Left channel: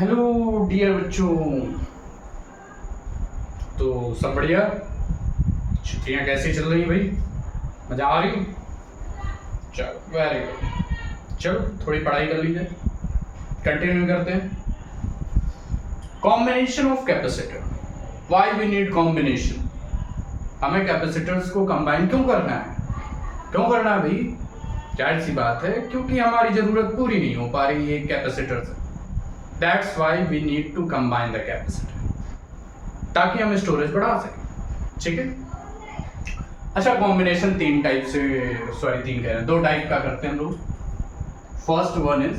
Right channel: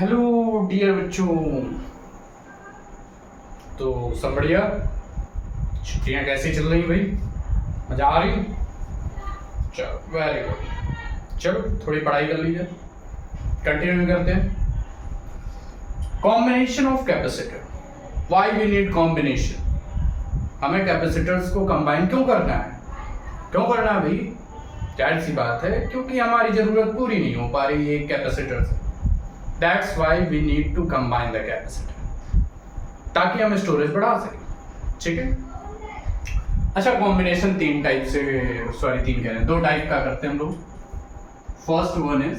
Hello dear बच्चों। तो सब बढ़िया। छुट्टियां कैसी चल रही भाई? मजा आ रही? चलो वेरी गुड। चलो थोड़ी पढ़ाई कर लीजिए, कंटिन्यू करते हैं। Combination of capacitor. Why we need combination? हमें कैपेसिटर्स को कंबाइन क्यों करना है? क्यों करना है भाई? जाहिर सी बात है, क्योंकि हमारी जरूरत पूरी नहीं हो पा रही एक कैपेसिटर से। That's why we need to combine the capacitor, ताकि हम स्टोरेज बढ़ा सकें। ठीक है। अच्छा, कॉम्बिनेशन तीन टाइप से, सॉरी तीन कह रहे हैं, दो टाइप का करते हैं हम लोग। फर्स्ट वन इज,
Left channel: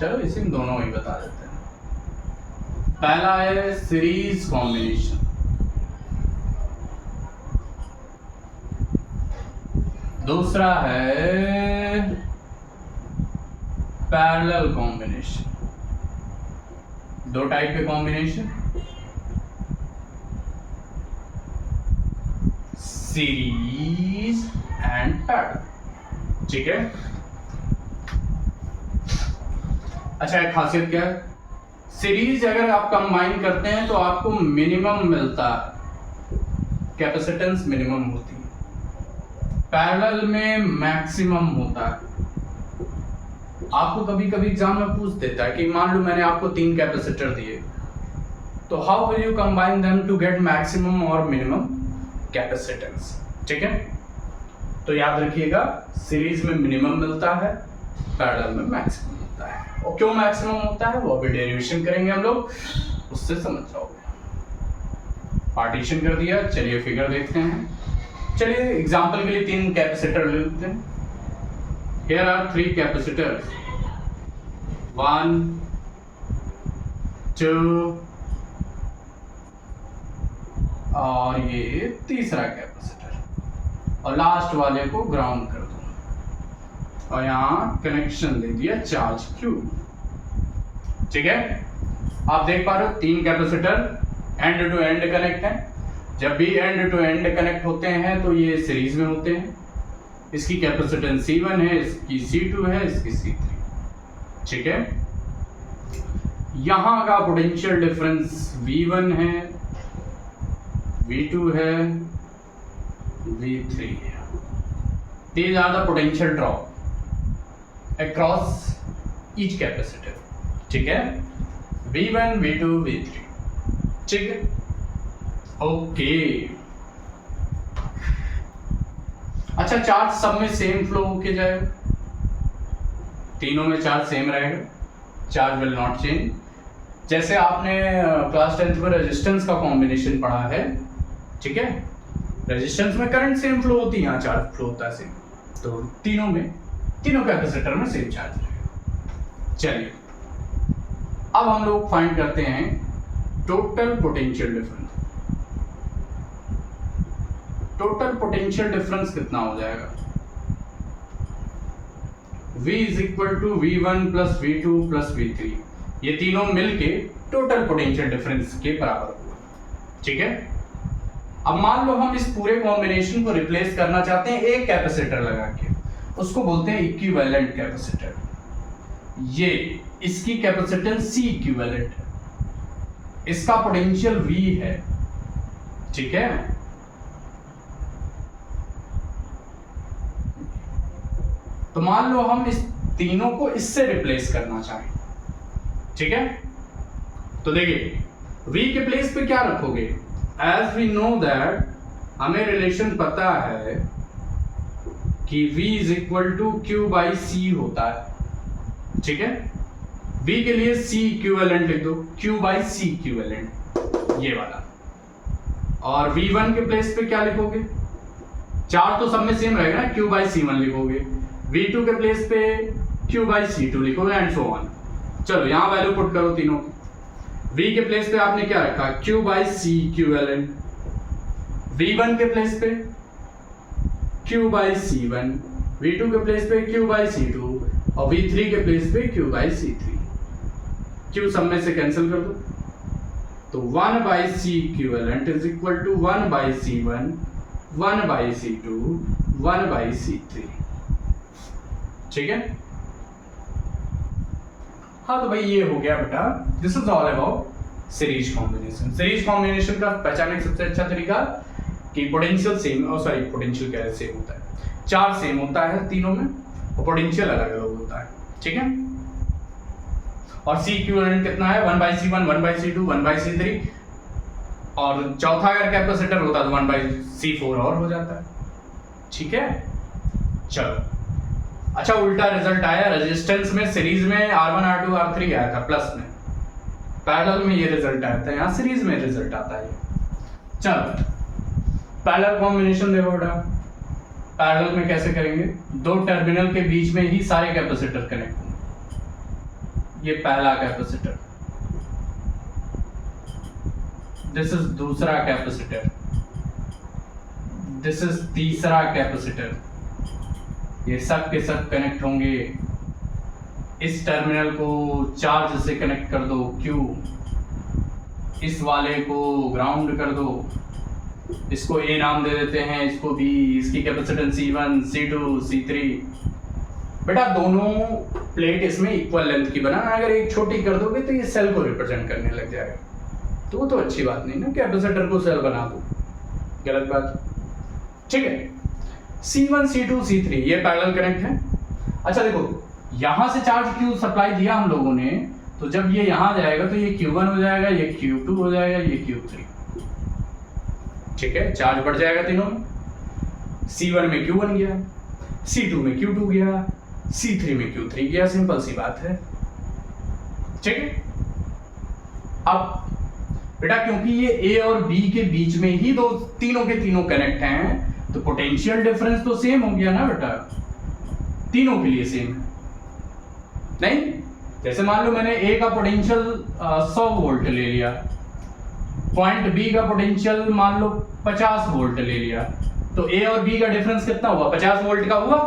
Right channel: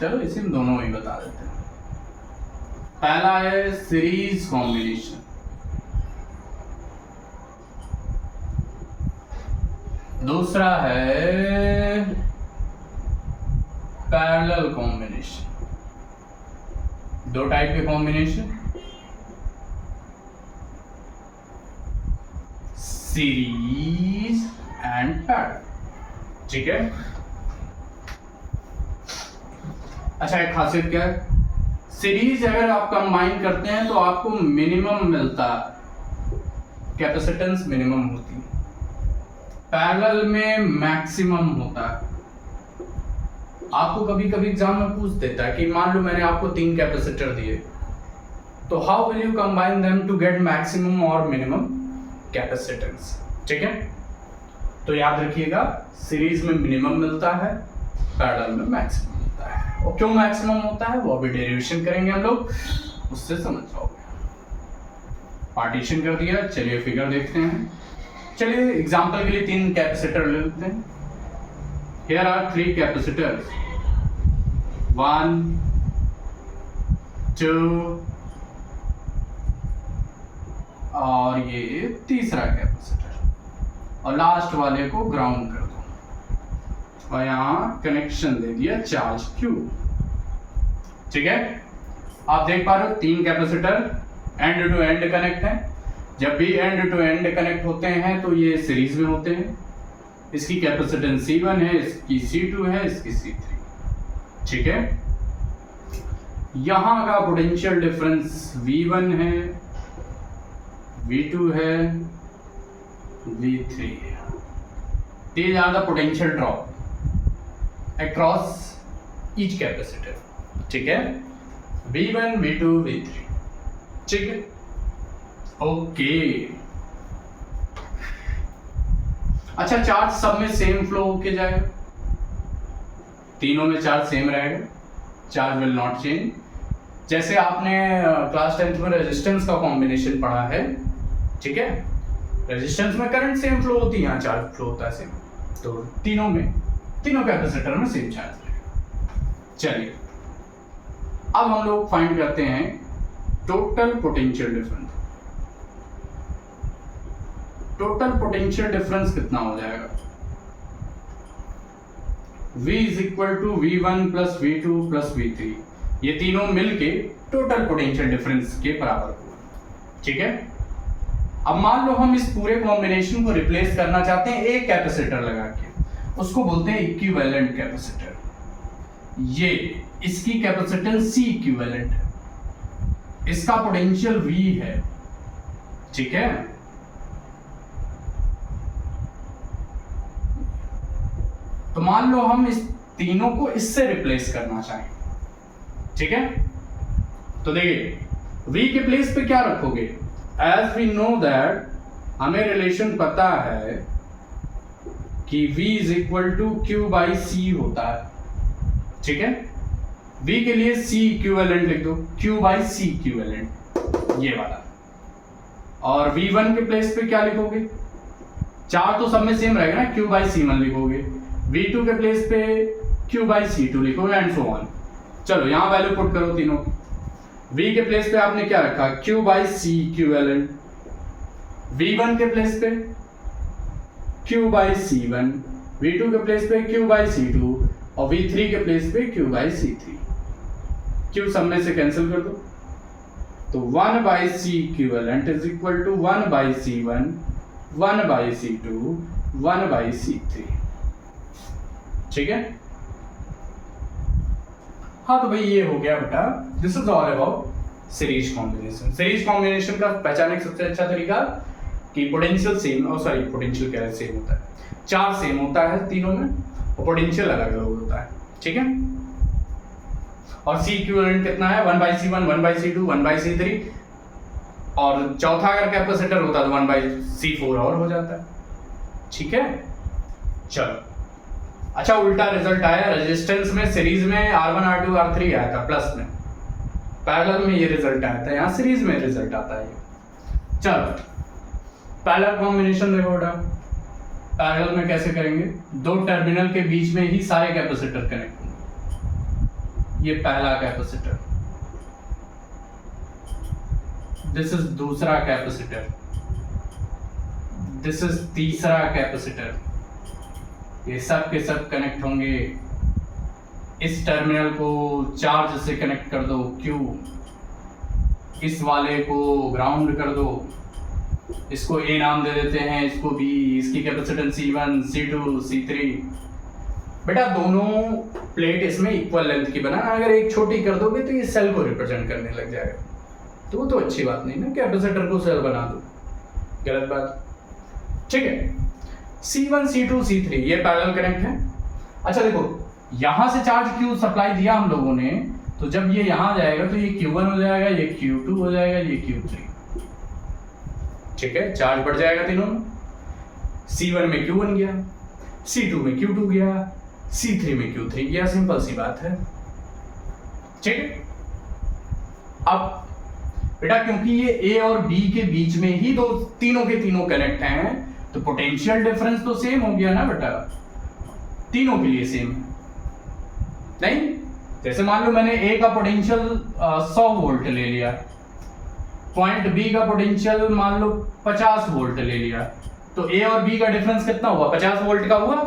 चलो इसी में दोनों ही बता देते हैं। पहला है सीरीज कॉम्बिनेशन, दूसरा है पैरेलल कॉम्बिनेशन। दो टाइप के कॉम्बिनेशन, सीरीज एंड पैरेलल। ठीक है। अच्छा, एक खासियत क्या है, सीरीज अगर आप कंबाइन करते हैं तो आपको मिनिमम मिलता है, कैपेसिटेंस मिनिमम होती है। पैरेलल में मैक्सिमम होता है। आपको कभी कभी एग्जाम में पूछ देता है कि मान लो मैंने आपको तीन कैपेसिटर दिए, तो how will you combine them to get maximum और मिनिमम कैपेसिटेंस। ठीक है। तो याद रखिएगा, सीरीज में मिनिमम मिलता है, पैरेलल में मैक्सिमम मिलता है। और क्यों मैक्सिमम होता है वो अभी डेरिवेशन करेंगे हम लोग, उससे समझ जाओगे। पार्टीशन कर दिया, चलिए फिगर देखते हैं। चलिए एग्जांपल के लिए तीन कैपेसिटर ले लेते हैं। Here are three capacitors, 1, 2 और ये तीसरा कैपेसिटर, और लास्ट वाले को ग्राउंड कर दो और यहाँ कनेक्शन दे दिया चार्ज Q। ठीक है। आप देख पा रहे हो तीन capacitor end to end connect है। जब भी एंड टू एंड कनेक्ट होते हैं तो ये सीरीज में होते हैं। इसकी कैपेसिटेंस C1 है, इसकी C2 है, इसकी C3। ठीक है। यहां का पोटेंशियल डिफरेंस V1 है, V2 है, V3 है। These are the potential drop across each capacitor। ठीक है। V1, V2, V3। ठीक है। ओके। अच्छा, चार्ज सब में सेम फ्लो होके जाएगा, तीनों में चार्ज सेम रहेगा, चार्ज विल नॉट चेंज। जैसे आपने क्लास 10th में रेजिस्टेंस का कॉम्बिनेशन पढ़ा है। ठीक है। रेजिस्टेंस में करंट सेम फ्लो होती है, यहाँ चार्ज फ्लो होता है सेम। तो तीनों कैपेसिटर में सेम चार्ज रहेगा। चलिए अब हम लोग फाइंड करते हैं total potential difference. Total potential difference कितना हो जाएगा? V is equal to V1 plus V2 plus V3। ये तीनों मिलके टोटल पोटेंशियल डिफरेंस के बराबर होगा। ठीक है। अब मान लो हम इस पूरे कॉम्बिनेशन को रिप्लेस करना चाहते हैं एक कैपेसिटर लगा के, उसको बोलते हैं इक्विवेलेंट कैपेसिटर। ये इसकी कैपेसिटेंस C इक्विवेलेंट है, इसका पोटेंशियल V है। ठीक है। तो मान लो हम इस तीनों को इससे रिप्लेस करना चाहें। ठीक है। तो देखिए V के प्लेस पे क्या रखोगे? एज वी नो दैट, हमें रिलेशन पता है कि V is equal to Q by C होता है। ठीक है। V के लिए C इक्विवेलेंट लिख दो, Q बाई C इक्विवेलेंट, ये वाला। और V1 के प्लेस पे क्या लिखोगे? चार तो सब में सेम रहेगा ना, Q बाई C1 लिखोगे। V2 के प्लेस पे Q बाई C2 लिखोगे एंड सो ऑन। चलो यहाँ वैल्यू पुट करो तीनों। V के प्लेस पे आपने क्या रखा? Q by C equivalent. V1 के प्लेस पे Q बाई C1, V2 के प्लेस पे Q बाई C2 और V3 के प्लेस पे Q बाई C3। Q सब में से कैंसिल कर दो, तो 1 by C equivalent is equal to 1 by C1, 1 by C2, 1 by C3। ठीक है। हाँ तो भाई ये हो गया बेटा, this is all about series combination. Series combination का पहचानने का सबसे अच्छा तरीका कि पोटेंशियल सेम, और सॉरी पोटेंशियल क्या है, सेम होता है, चार्ज सेम होता है तीनों में और पोटेंशियल अलग अलग होता है, ठीक है। और सी इक्विवेलेंट कितना है, 1/C1, 1/C2, 1/C3, और चौथा अगर कैपेसिटर होता तो 1/C4 और हो जाता है, ठीक है। चलो अच्छा, उल्टा रिजल्ट आया रेजिस्टेंस में, सीरीज में R1 R2 R3 आया था प्लस में, पैरेलल में ये रिजल्ट आया था, यहाँ सीरीज में रिजल्ट आता है। चलो पैरेलल कॉम्बिनेशन देखो बेटा, पैरेलल में कैसे करेंगे, दो टर्मिनल के बीच में ही सारे कैपेसिटर कनेक्ट होंगे। ये पहला कैपेसिटर, दिस इज दूसरा कैपेसिटर, दिस इज तीसरा कैपेसिटर, ये सब के सब कनेक्ट होंगे। इस टर्मिनल को चार्ज से कनेक्ट कर दो Q, इस वाले को ग्राउंड कर दो, इसको A नाम दे देते हैं, इसको B, इसकी कैपेसिटेंस C1, C2, C3। बेटा दोनों प्लेट इसमें इक्वल लेंथ की बनाना, अगर एक छोटी कर दोगे तो ये सेल को रिप्रेजेंट करने लग जाएगा, तो वो तो अच्छी बात नहीं ना, कैपेसिटर को सेल बना दो, गलत बात, ठीक है। C1, C2, C3 ये पैरेलल कनेक्ट है। अच्छा देखो, यहां से चार्ज Q सप्लाई दिया हम लोगों ने, तो जब ये यहां जाएगा तो ये Q1 हो जाएगा, ये Q2 हो जाएगा, ये Q3, ठीक है, चार्ज बढ़ जाएगा तीनों में। C1 में Q1 गया, C2 में Q2 गया, C3 में Q3 गया, सिंपल सी बात है, ठीक है। अब बेटा क्योंकि ये A और B के बीच में ही दो तीनों के तीनों कनेक्ट हैं, तो पोटेंशियल डिफरेंस तो सेम हो गया ना बेटा, तीनों के लिए सेम है नहीं। जैसे मान लो मैंने A का पोटेंशियल 100 वोल्ट ले लिया, पॉइंट B का पोटेंशियल मान लो 50 वोल्ट ले लिया, तो A और B का डिफरेंस कितना हुआ, 50 वोल्ट का हुआ,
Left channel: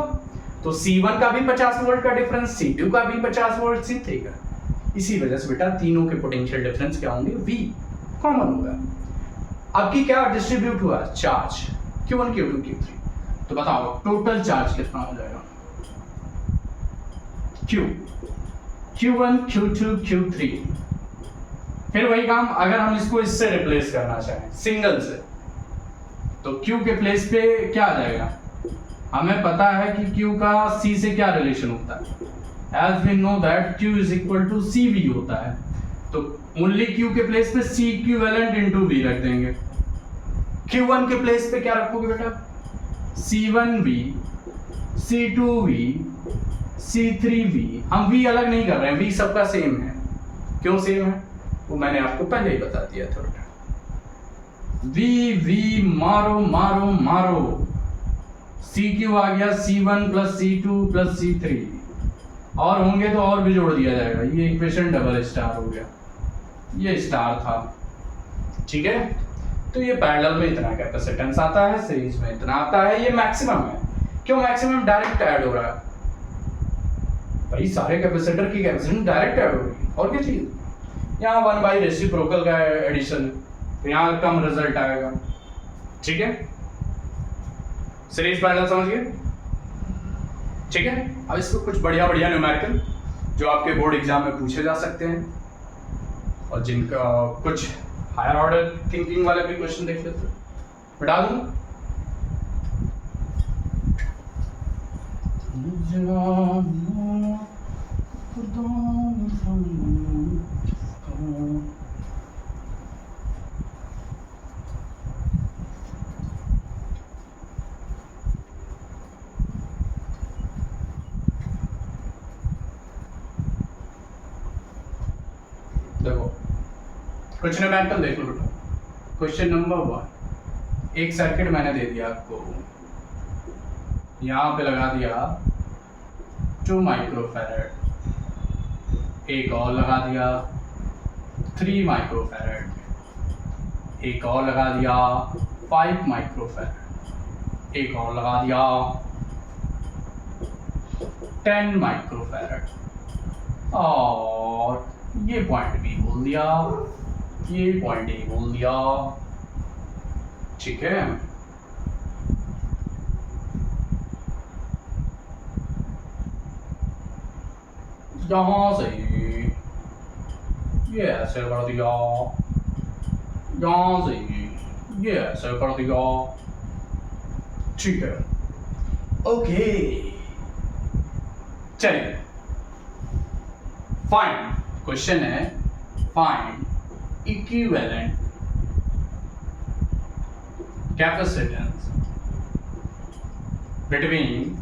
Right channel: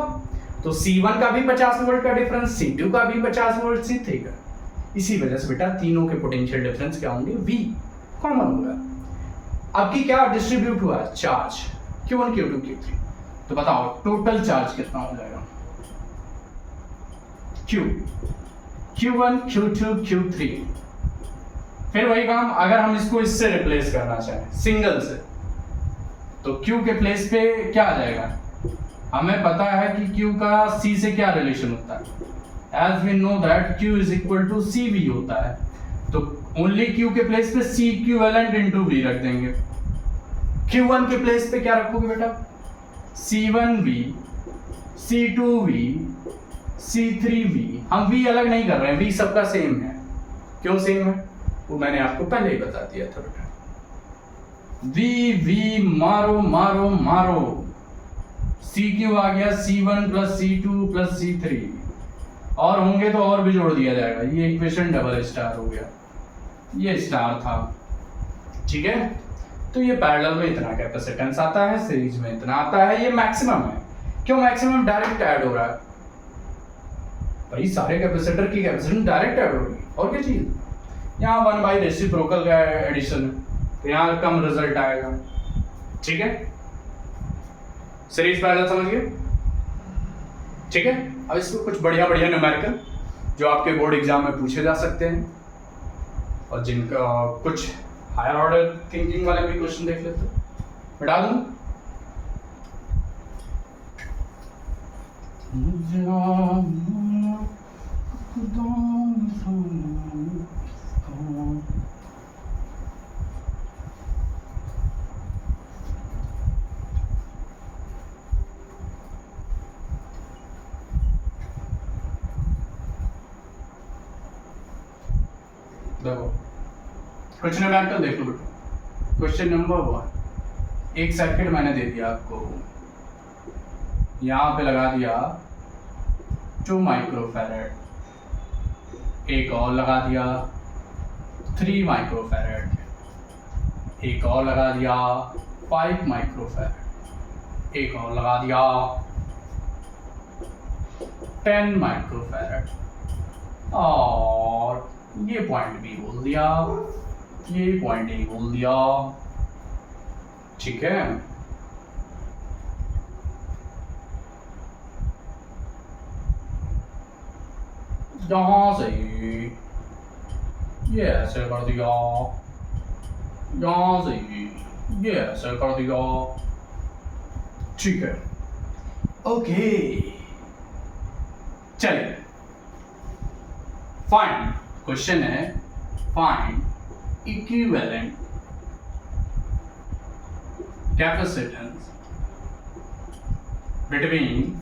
तो C1 का भी 50 वोल्ट का डिफरेंस, C2 का भी 50 वोल्ट, C3 का। इसी वजह से बेटा तीनों के पोटेंशियल डिफरेंस क्या होंगे, V कॉमन होगा। अब की क्या डिस्ट्रीब्यूट हुआ चार्ज, Q1 Q2 Q3, तो बताओ टोटल चार्ज कितना हो जाएगा, Q1 Q2 Q3। फिर वही काम, अगर हम इसको इससे रिप्लेस करना चाहें सिंगल से, तो Q के प्लेस पे क्या आ जाएगा, हमें पता है कि Q का C से क्या रिलेशन होता है, as we know that Q is equal to CV होता है, तो ओनली Q के प्लेस पे C इक्विवेलेंट इनटू V रख देंगे। Q1 के प्लेस पे क्या रखोगे बेटा, C1V, C2V, C3V। हम V अलग नहीं कर रहे हैं, V सबका सेम है। क्यों सेम है वो मैंने आपको पहले ही बता दिया था बेटा। V मारो मारो मारो, CQ आ गया C1 plus C2 plus C3, और होंगे तो और भी जोड़ दिया जाएगा, ये इक्वेशन डबल स्टार हो गया, ये स्टार था, ठीक है। तो ये पैरेलल में इतना कैपेसिटेंस आता है, सीरीज में इतना आता है, ये मैक्सिमम है। क्यों मैक्सिमम, डायरेक्ट ऐड हो रहा है भाई, सारे कैपेसिटर की कैपेसिटेंस डायरेक्ट ऐड होगी, और क्या चीज, यहाँ 1 बाई रेसिप्रोकल का एडिशन, तो यहाँ कम रिजल्ट आएगा, ठीक है। सीरीज पैरेलल समझ गए, ठीक है। अब इसको कुछ बढ़िया बढ़िया न्यूमेरिकल जो आपके बोर्ड एग्जाम में पूछे जा सकते हैं, और जिनका कुछ हायर ऑर्डर थिंकिंग वाले भी क्वेश्चन देख लेते हैं, बता दूं। देखो कुछ न्यूमेरिकल देख लो बेटा। क्वेश्चन नंबर 1, एक सर्किट मैंने दे दिया आपको, यहाँ पे लगा दिया 2 माइक्रोफैरड, एक और लगा दिया 3 माइक्रोफैरड, एक और लगा दिया 5 माइक्रोफैरड, एक और लगा दिया 10 माइक्रोफैरड, और ये पॉइंट बी बोल दिया, ये पॉइंट ए बोल दिया, ठीक है। यहाँ से ये ऐसे कर दिया, यहाँ से ये ऐसे कर दिया, ठीक है। ओके चलिए, फाइंड, क्वेश्चन है find equivalent capacitance between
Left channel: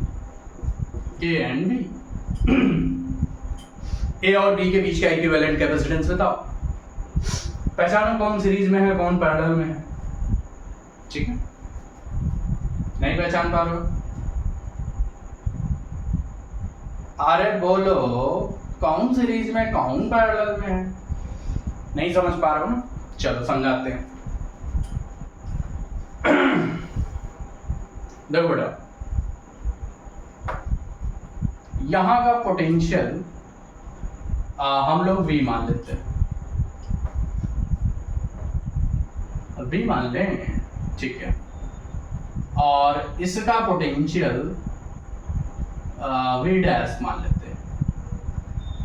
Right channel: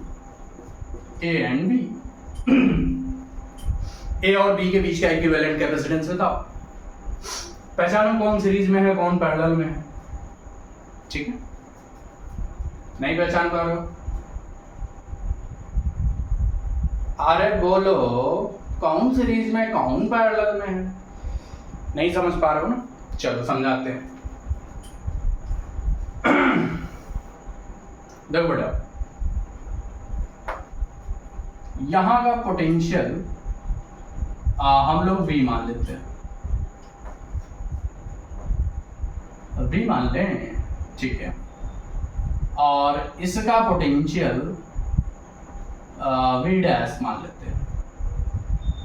A and B. A और बी के बीच का इक्विवेलेंट कैपेसिटेंस बताओ। पहचानो कौन सीरीज में है कौन पैरेलल में है, ठीक है। नहीं पहचान पा रहे हो? अरे बोलो कौन सीरीज में कौन पैरेलल में है, नहीं समझ पा रहे हो ना? चलो समझाते हैं। देखो बेटा, यहां का पोटेंशियल हम लोग V मान लेते हैं, V मान लें, ठीक है। और इसका पोटेंशियल V डैश मान लेते हैं।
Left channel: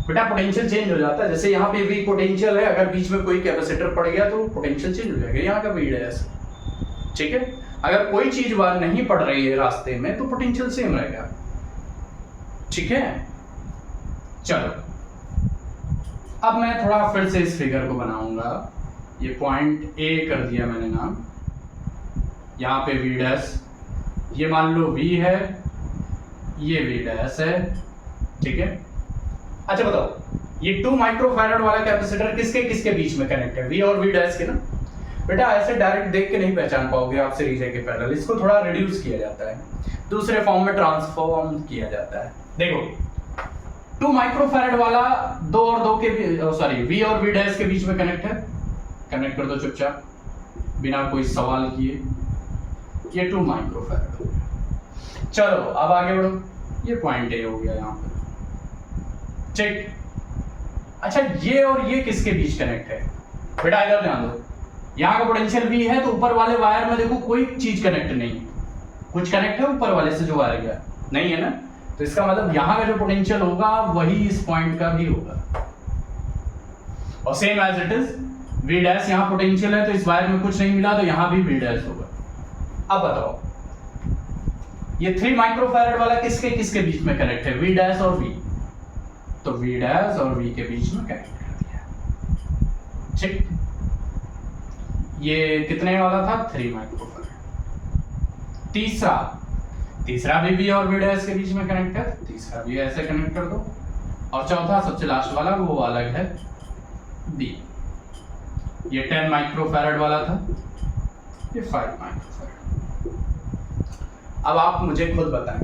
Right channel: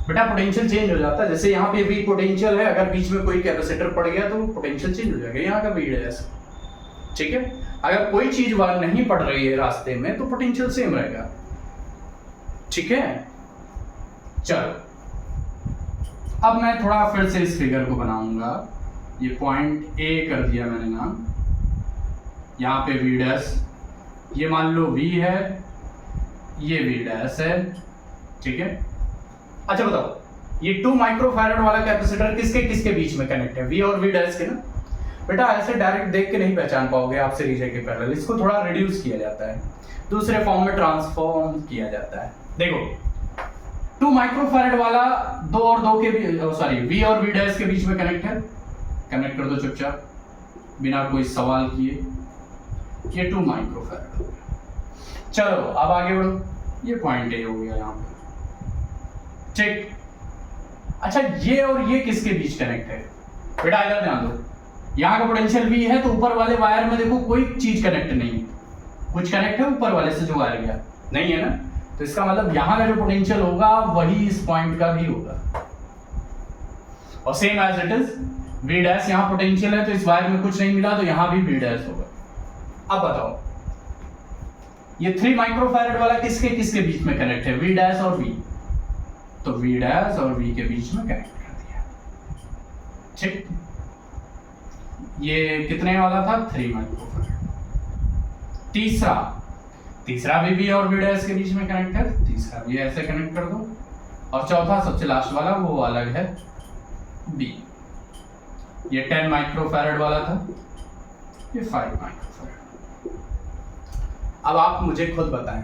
बेटा पोटेंशियल चेंज हो जाता है, जैसे यहाँ पे V पोटेंशियल है, अगर बीच में कोई कैपेसिटर पड़ गया तो पोटेंशियल चेंज हो जाएगा, यहाँ का V डैश, ठीक है। अगर कोई चीज वहां नहीं पड़ रही है रास्ते में तो पोटेंशियल सेम रहेगा, ठीक है। चलो अब मैं थोड़ा फिर से इस फिगर को बनाऊंगा। ये पॉइंट ए कर दिया मैंने नाम, यहाँ पे V डैश, ये मान लो V है, ये V डैश है, ठीक है। अच्छा बताओ, ये 2 माइक्रोफैरड वाला कैपेसिटर किसके किसके बीच में कनेक्ट है? V और V डैश के ना। बेटा ऐसे डायरेक्ट देख के नहीं पहचान पाओगे आप सीरीज के पैरेलल, इसको थोड़ा रिड्यूस किया जाता है, दूसरे फॉर्म में ट्रांसफॉर्म किया जाता है। देखो 2 माइक्रोफैरड वाला 2 और 2 के V और V डैश के बीच में कनेक्ट है, कनेक्ट कर दो चुपचाप बिना कोई सवाल किए। ये 2 माइक्रोफैरड हो गया। चलो अब आगे बढ़ो, ये पॉइंट ए हो गया यहाँ पे, ठीक। अच्छा ये और ये किसके बीच कनेक्ट है? बेटा इधर ध्यान दो, यहाँ का पोटेंशियल V है तो ऊपर वाले वायर में देखो कोई चीज कनेक्ट नहीं है, कुछ कनेक्ट है ऊपर वाले से जो वायर गया? नहीं है ना। तो इसका मतलब यहाँ का जो पोटेंशियल होगा वही इस पॉइंट का भी होगा, और same as it is V dash, यहाँ पोटेंशियल है तो इस वायर में कुछ नहीं मिला तो यहाँ भी V डैश होगा। अब बताओ ये 3 माइक्रोफैरड वाला किसके किसके बीच में कनेक्ट है? V डैश और V, तो V डैश और V के बीच में कनेक्ट कर दिया, ठीक। ये कितने वाला था? 3 माइक्रोफैरड। तीसरा भी V और V डैश के बीच में कनेक्ट है, तीसरा भी ऐसे कनेक्ट कर दो, और चौथा सबसे लास्ट वाला वो अलग है B। ये 10 माइक्रोफैरड वाला था, ये 5 माइक्रोफैरड। अब आप मुझे खुद बताएं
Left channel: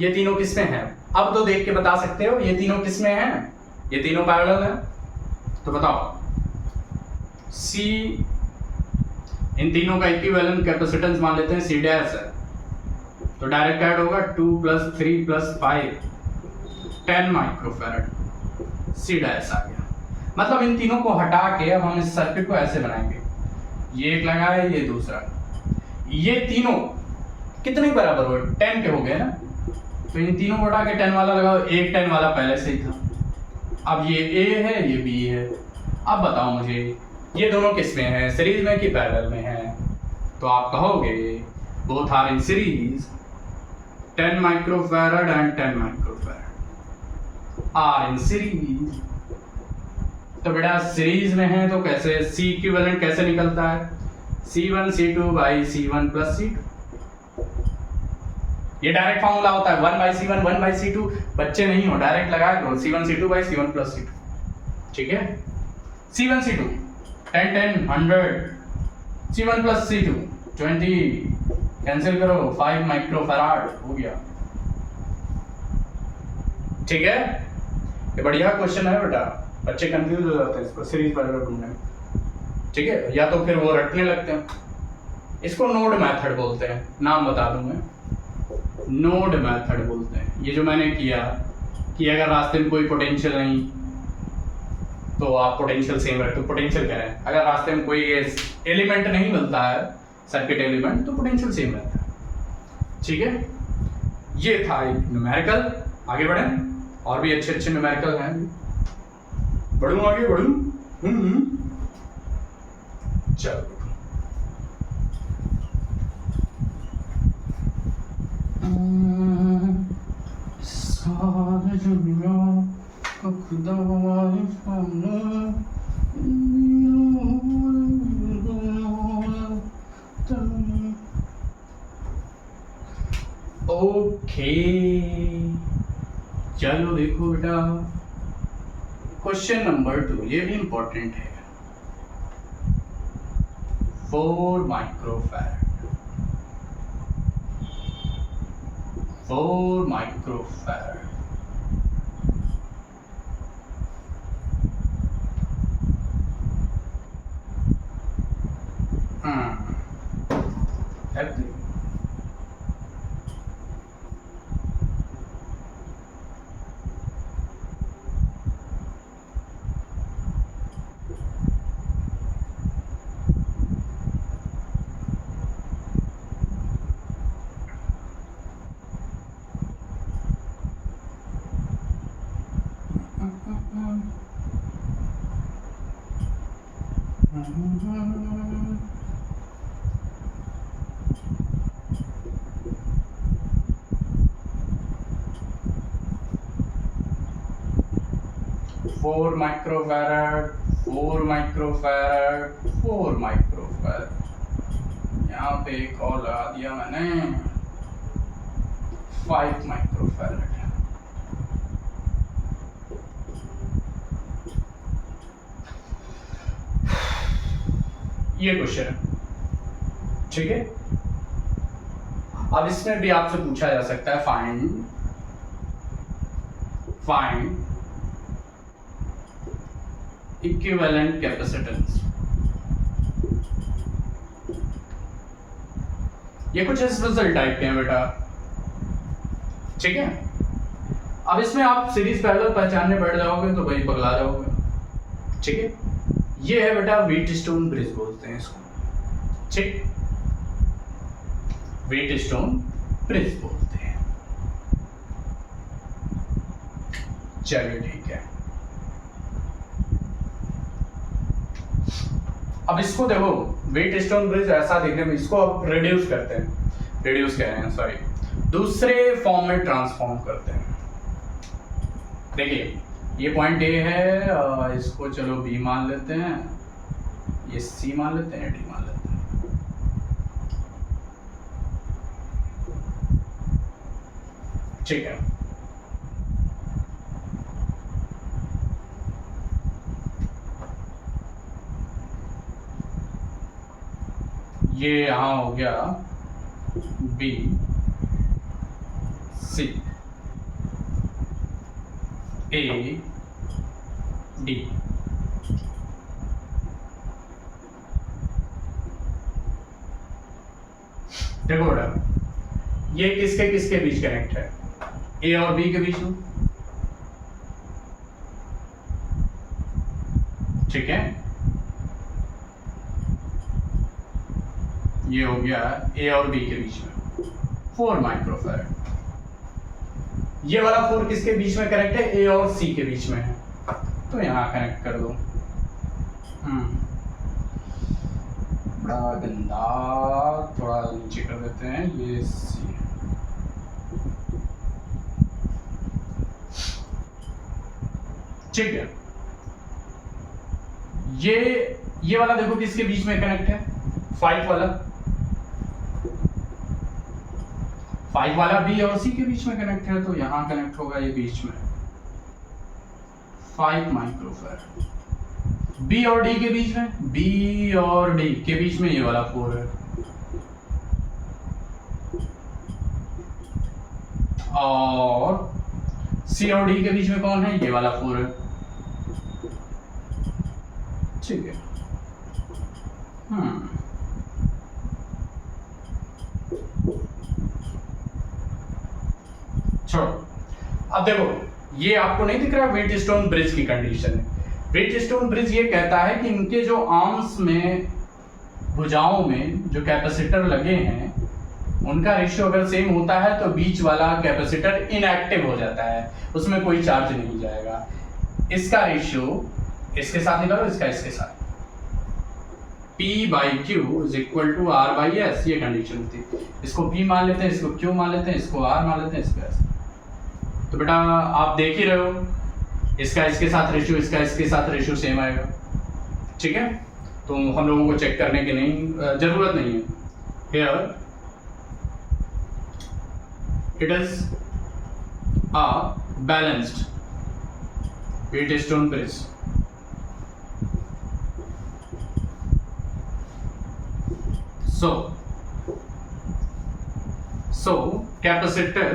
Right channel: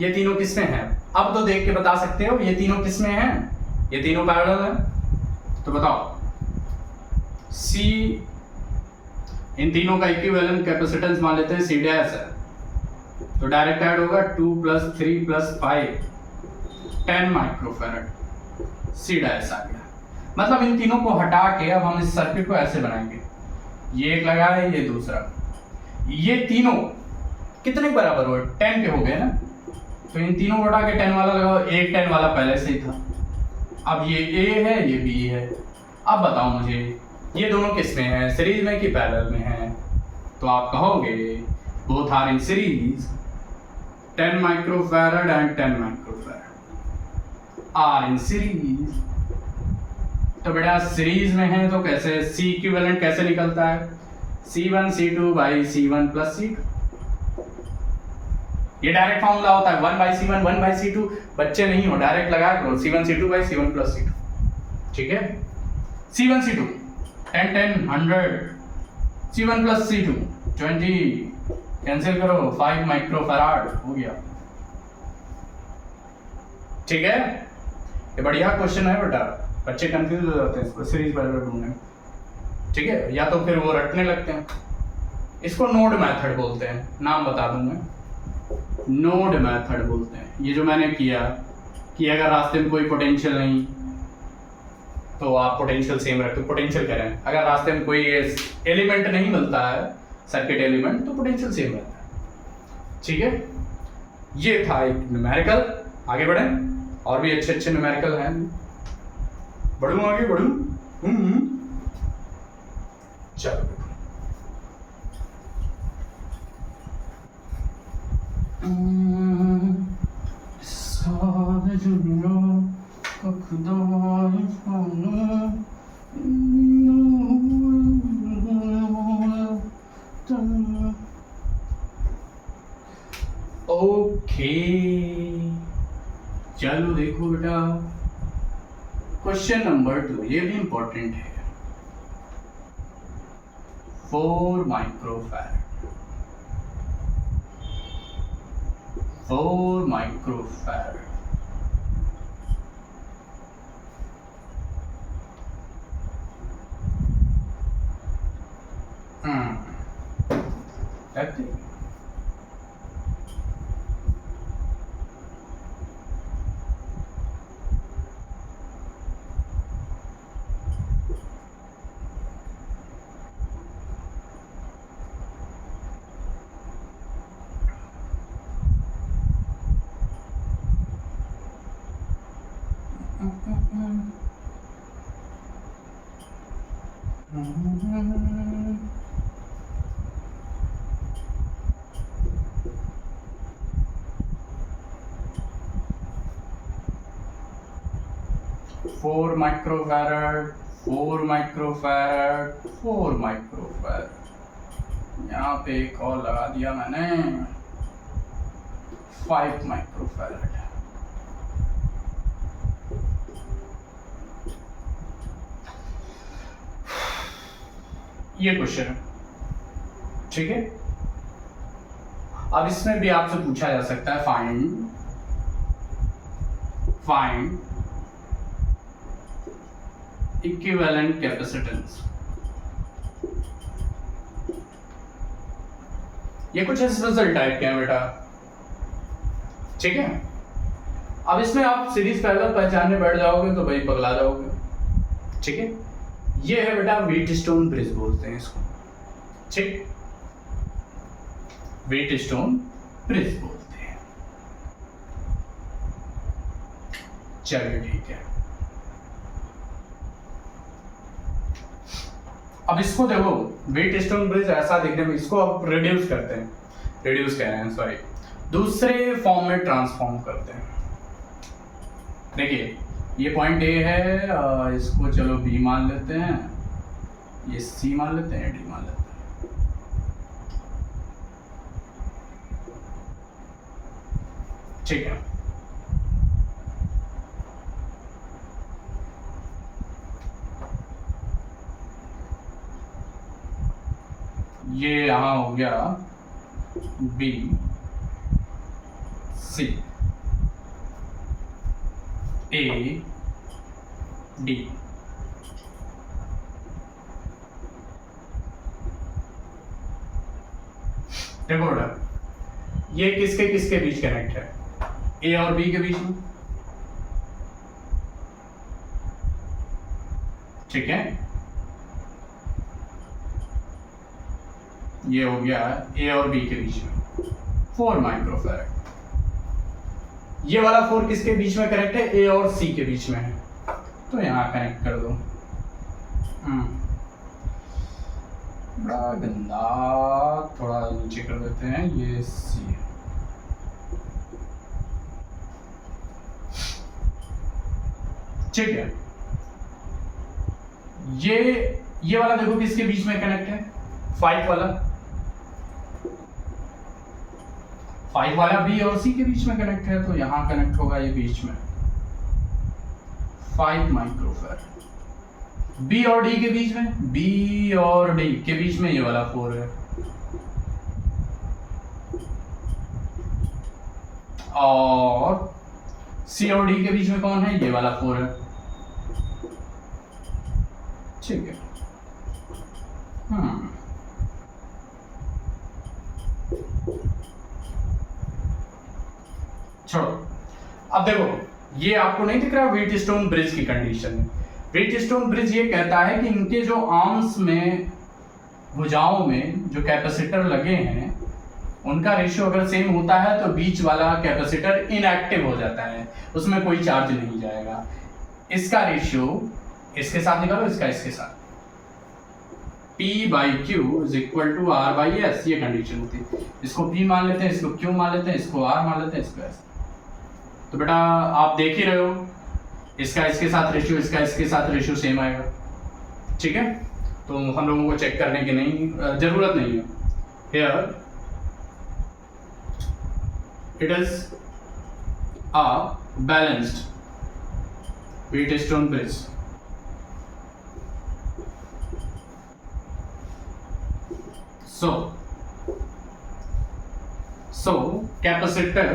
ये तीनों किसमें हैं? अब तो देख के बता सकते हो ये तीनों किसमें हैं, ये तीनों पैरेलल हैं। तो बताओ C, इन तीनों का इक्विवेलेंट कैपेसिटेंस मान लेते हैं C डैश है, तो डायरेक्ट ऐड होगा 2 + 3 + 5 10 माइक्रोफैरड, C डैश आ गया। मतलब इन तीनों को हटा के अब हम इस सर्किट को ऐसे बनाएंगे, ये एक लगाए ये दूसरा, ये तीनों कितने बराबर हो? 10 के हो गए ना, तो इन तीनों को हटा के 10 वाला लगाओ, एक 10 वाला पहले से ही था। अब ये A है ये B है। अब बताओ मुझे ये दोनों किस में है, सीरीज में कि पैरेलल में है? तो आप कहोगे both are in series, 10 microfarad and 10 microfarad are in series. तो बेटा सीरीज में है तो कैसे C इक्विवेलेंट कैसे निकलता है? C1 C2 by C1 + C2। ये डायरेक्ट फॉर्मूला होता है 1/C1 1/C2। बच्चे नहीं हो, डायरेक्ट लगाया करो C1 C2 by C1 + C2, ठीक है। C1 C2 10 10 100, C1 + C2 20, cancel करो 5 माइक्रोफैराड हो गया, ठीक है। ये बढ़िया क्वेश्चन है बेटा, बच्चे कंफ्यूज हो जाते हैं इसको सीरीज पैरेलल ढूंढने में, ठीक है, या तो फिर वो रटने लगते हैं। इसको नोड मेथड बोलते हैं, नाम बता दूं मैं, नोड मेथड बोलते हैं। ये जो मैंने किया कि अगर रास्ते में कोई पोटेंशियल नहीं तो आप पोटेंशियल सेम रखते हो, पोटेंशियल करें। अगर रास्ते में कोई एलिमेंट नहीं मिलता है, सर्किट एलिमेंट, तो पोटेंशियल सेम रहता है, ठीक है। ये था एक न्यूमेरिकल। आगे बढ़ें। और भी अच्छे अच्छे न्यूमेरिकल हैं। बढ़ूं आगे बढ़ूं? चलो सारे दुनिया का खुदा ओके चलो देखो बेटा, क्वेश्चन नंबर 2 ये भी इंपॉर्टेंट है। 4 microfarad 4 microfarad four microfarad 4 microfarad 4 microfarad. यहाँ पे एक और लगा दिया मैंने 5 माइक्रोफैराड। ये क्वेश्चन है, ठीक है। अब इसमें भी आपसे पूछा जा सकता है फाइंड इक्विवेलेंट कैपेसिटेंस। ये कुछ इस रिजल्ट टाइप के हैं बेटा, ठीक है। अब इसमें आप सीरीज पैरेलल पहचानने बैठ जाओगे तो भाई पगला जाओगे, ठीक है। ये है बेटा व्हीटस्टोन ब्रिज बोलते हैं इसको, ठीक। व्हीटस्टोन ब्रिज बोलते हैं। चलिए ठीक है। अब इसको देखो, व्हीटस्टोन ब्रिज ऐसा देखने में, इसको अब रिड्यूस करते हैं, रिड्यूस कह रहे हैं सॉरी, दूसरे फॉर्म में ट्रांसफॉर्म करते हैं। देखिए ये पॉइंट ए है, इसको चलो बी मान लेते हैं, ये सी मान लेते हैं, डी मान लेते हैं। ठीक है। ये यहां हो गया बी सी ए डी। देखो बेटा, ये किसके किसके बीच कनेक्ट है? ए और बी के बीच में, ठीक है। ये हो गया ए और बी के बीच में 4 माइक्रोफैराड। ये वाला 4 किसके बीच में कनेक्ट है? ए और सी के बीच में है, तो यहां कनेक्ट कर दो। बड़ा गंदा, थोड़ा नीचे कर देते हैं, ये सी। ठीक है। ये वाला देखो किसके बीच में कनेक्ट है? 5 वाला बी और सी के बीच में कनेक्ट है, तो यहां कनेक्ट होगा ये बीच में 5 माइक्रोफैराड। बी और डी के बीच में, बी और डी के बीच में ये वाला 4 है, और सी और डी के बीच में कौन है? ये वाला 4 है, ठीक है। छोड़ो। अब देखो, ये आपको नहीं दिख रहा है व्हीटस्टोन ब्रिज की कंडीशन है। व्हीटस्टोन ब्रिज ये कहता है कि इनके जो आर्म्स में, भुजाओं में जो कैपेसिटर लगे हैं, उनका रेशियो अगर सेम होता है तो बीच वाला कैपेसिटर इनएक्टिव हो जाता है, उसमें कोई चार्ज नहीं जाएगा। इसका रेशियो इसके साथ निकालो, इसका इसके साथ, P by Q is equal to R by S, ये कंडीशन होती है। इसको P मान लेते हैं, इसको Q मान लेते हैं, इसको R मान लेते हैं, इसको S। तो बेटा आप देख ही रहे हो, इसका इसके साथ रेशियो, इसका इसके साथ रेशियो सेम आएगा, ठीक है। तो हम लोगों को चेक करने की नहीं जरूरत नहीं है। Here it is a balanced Wheatstone bridge. So capacitor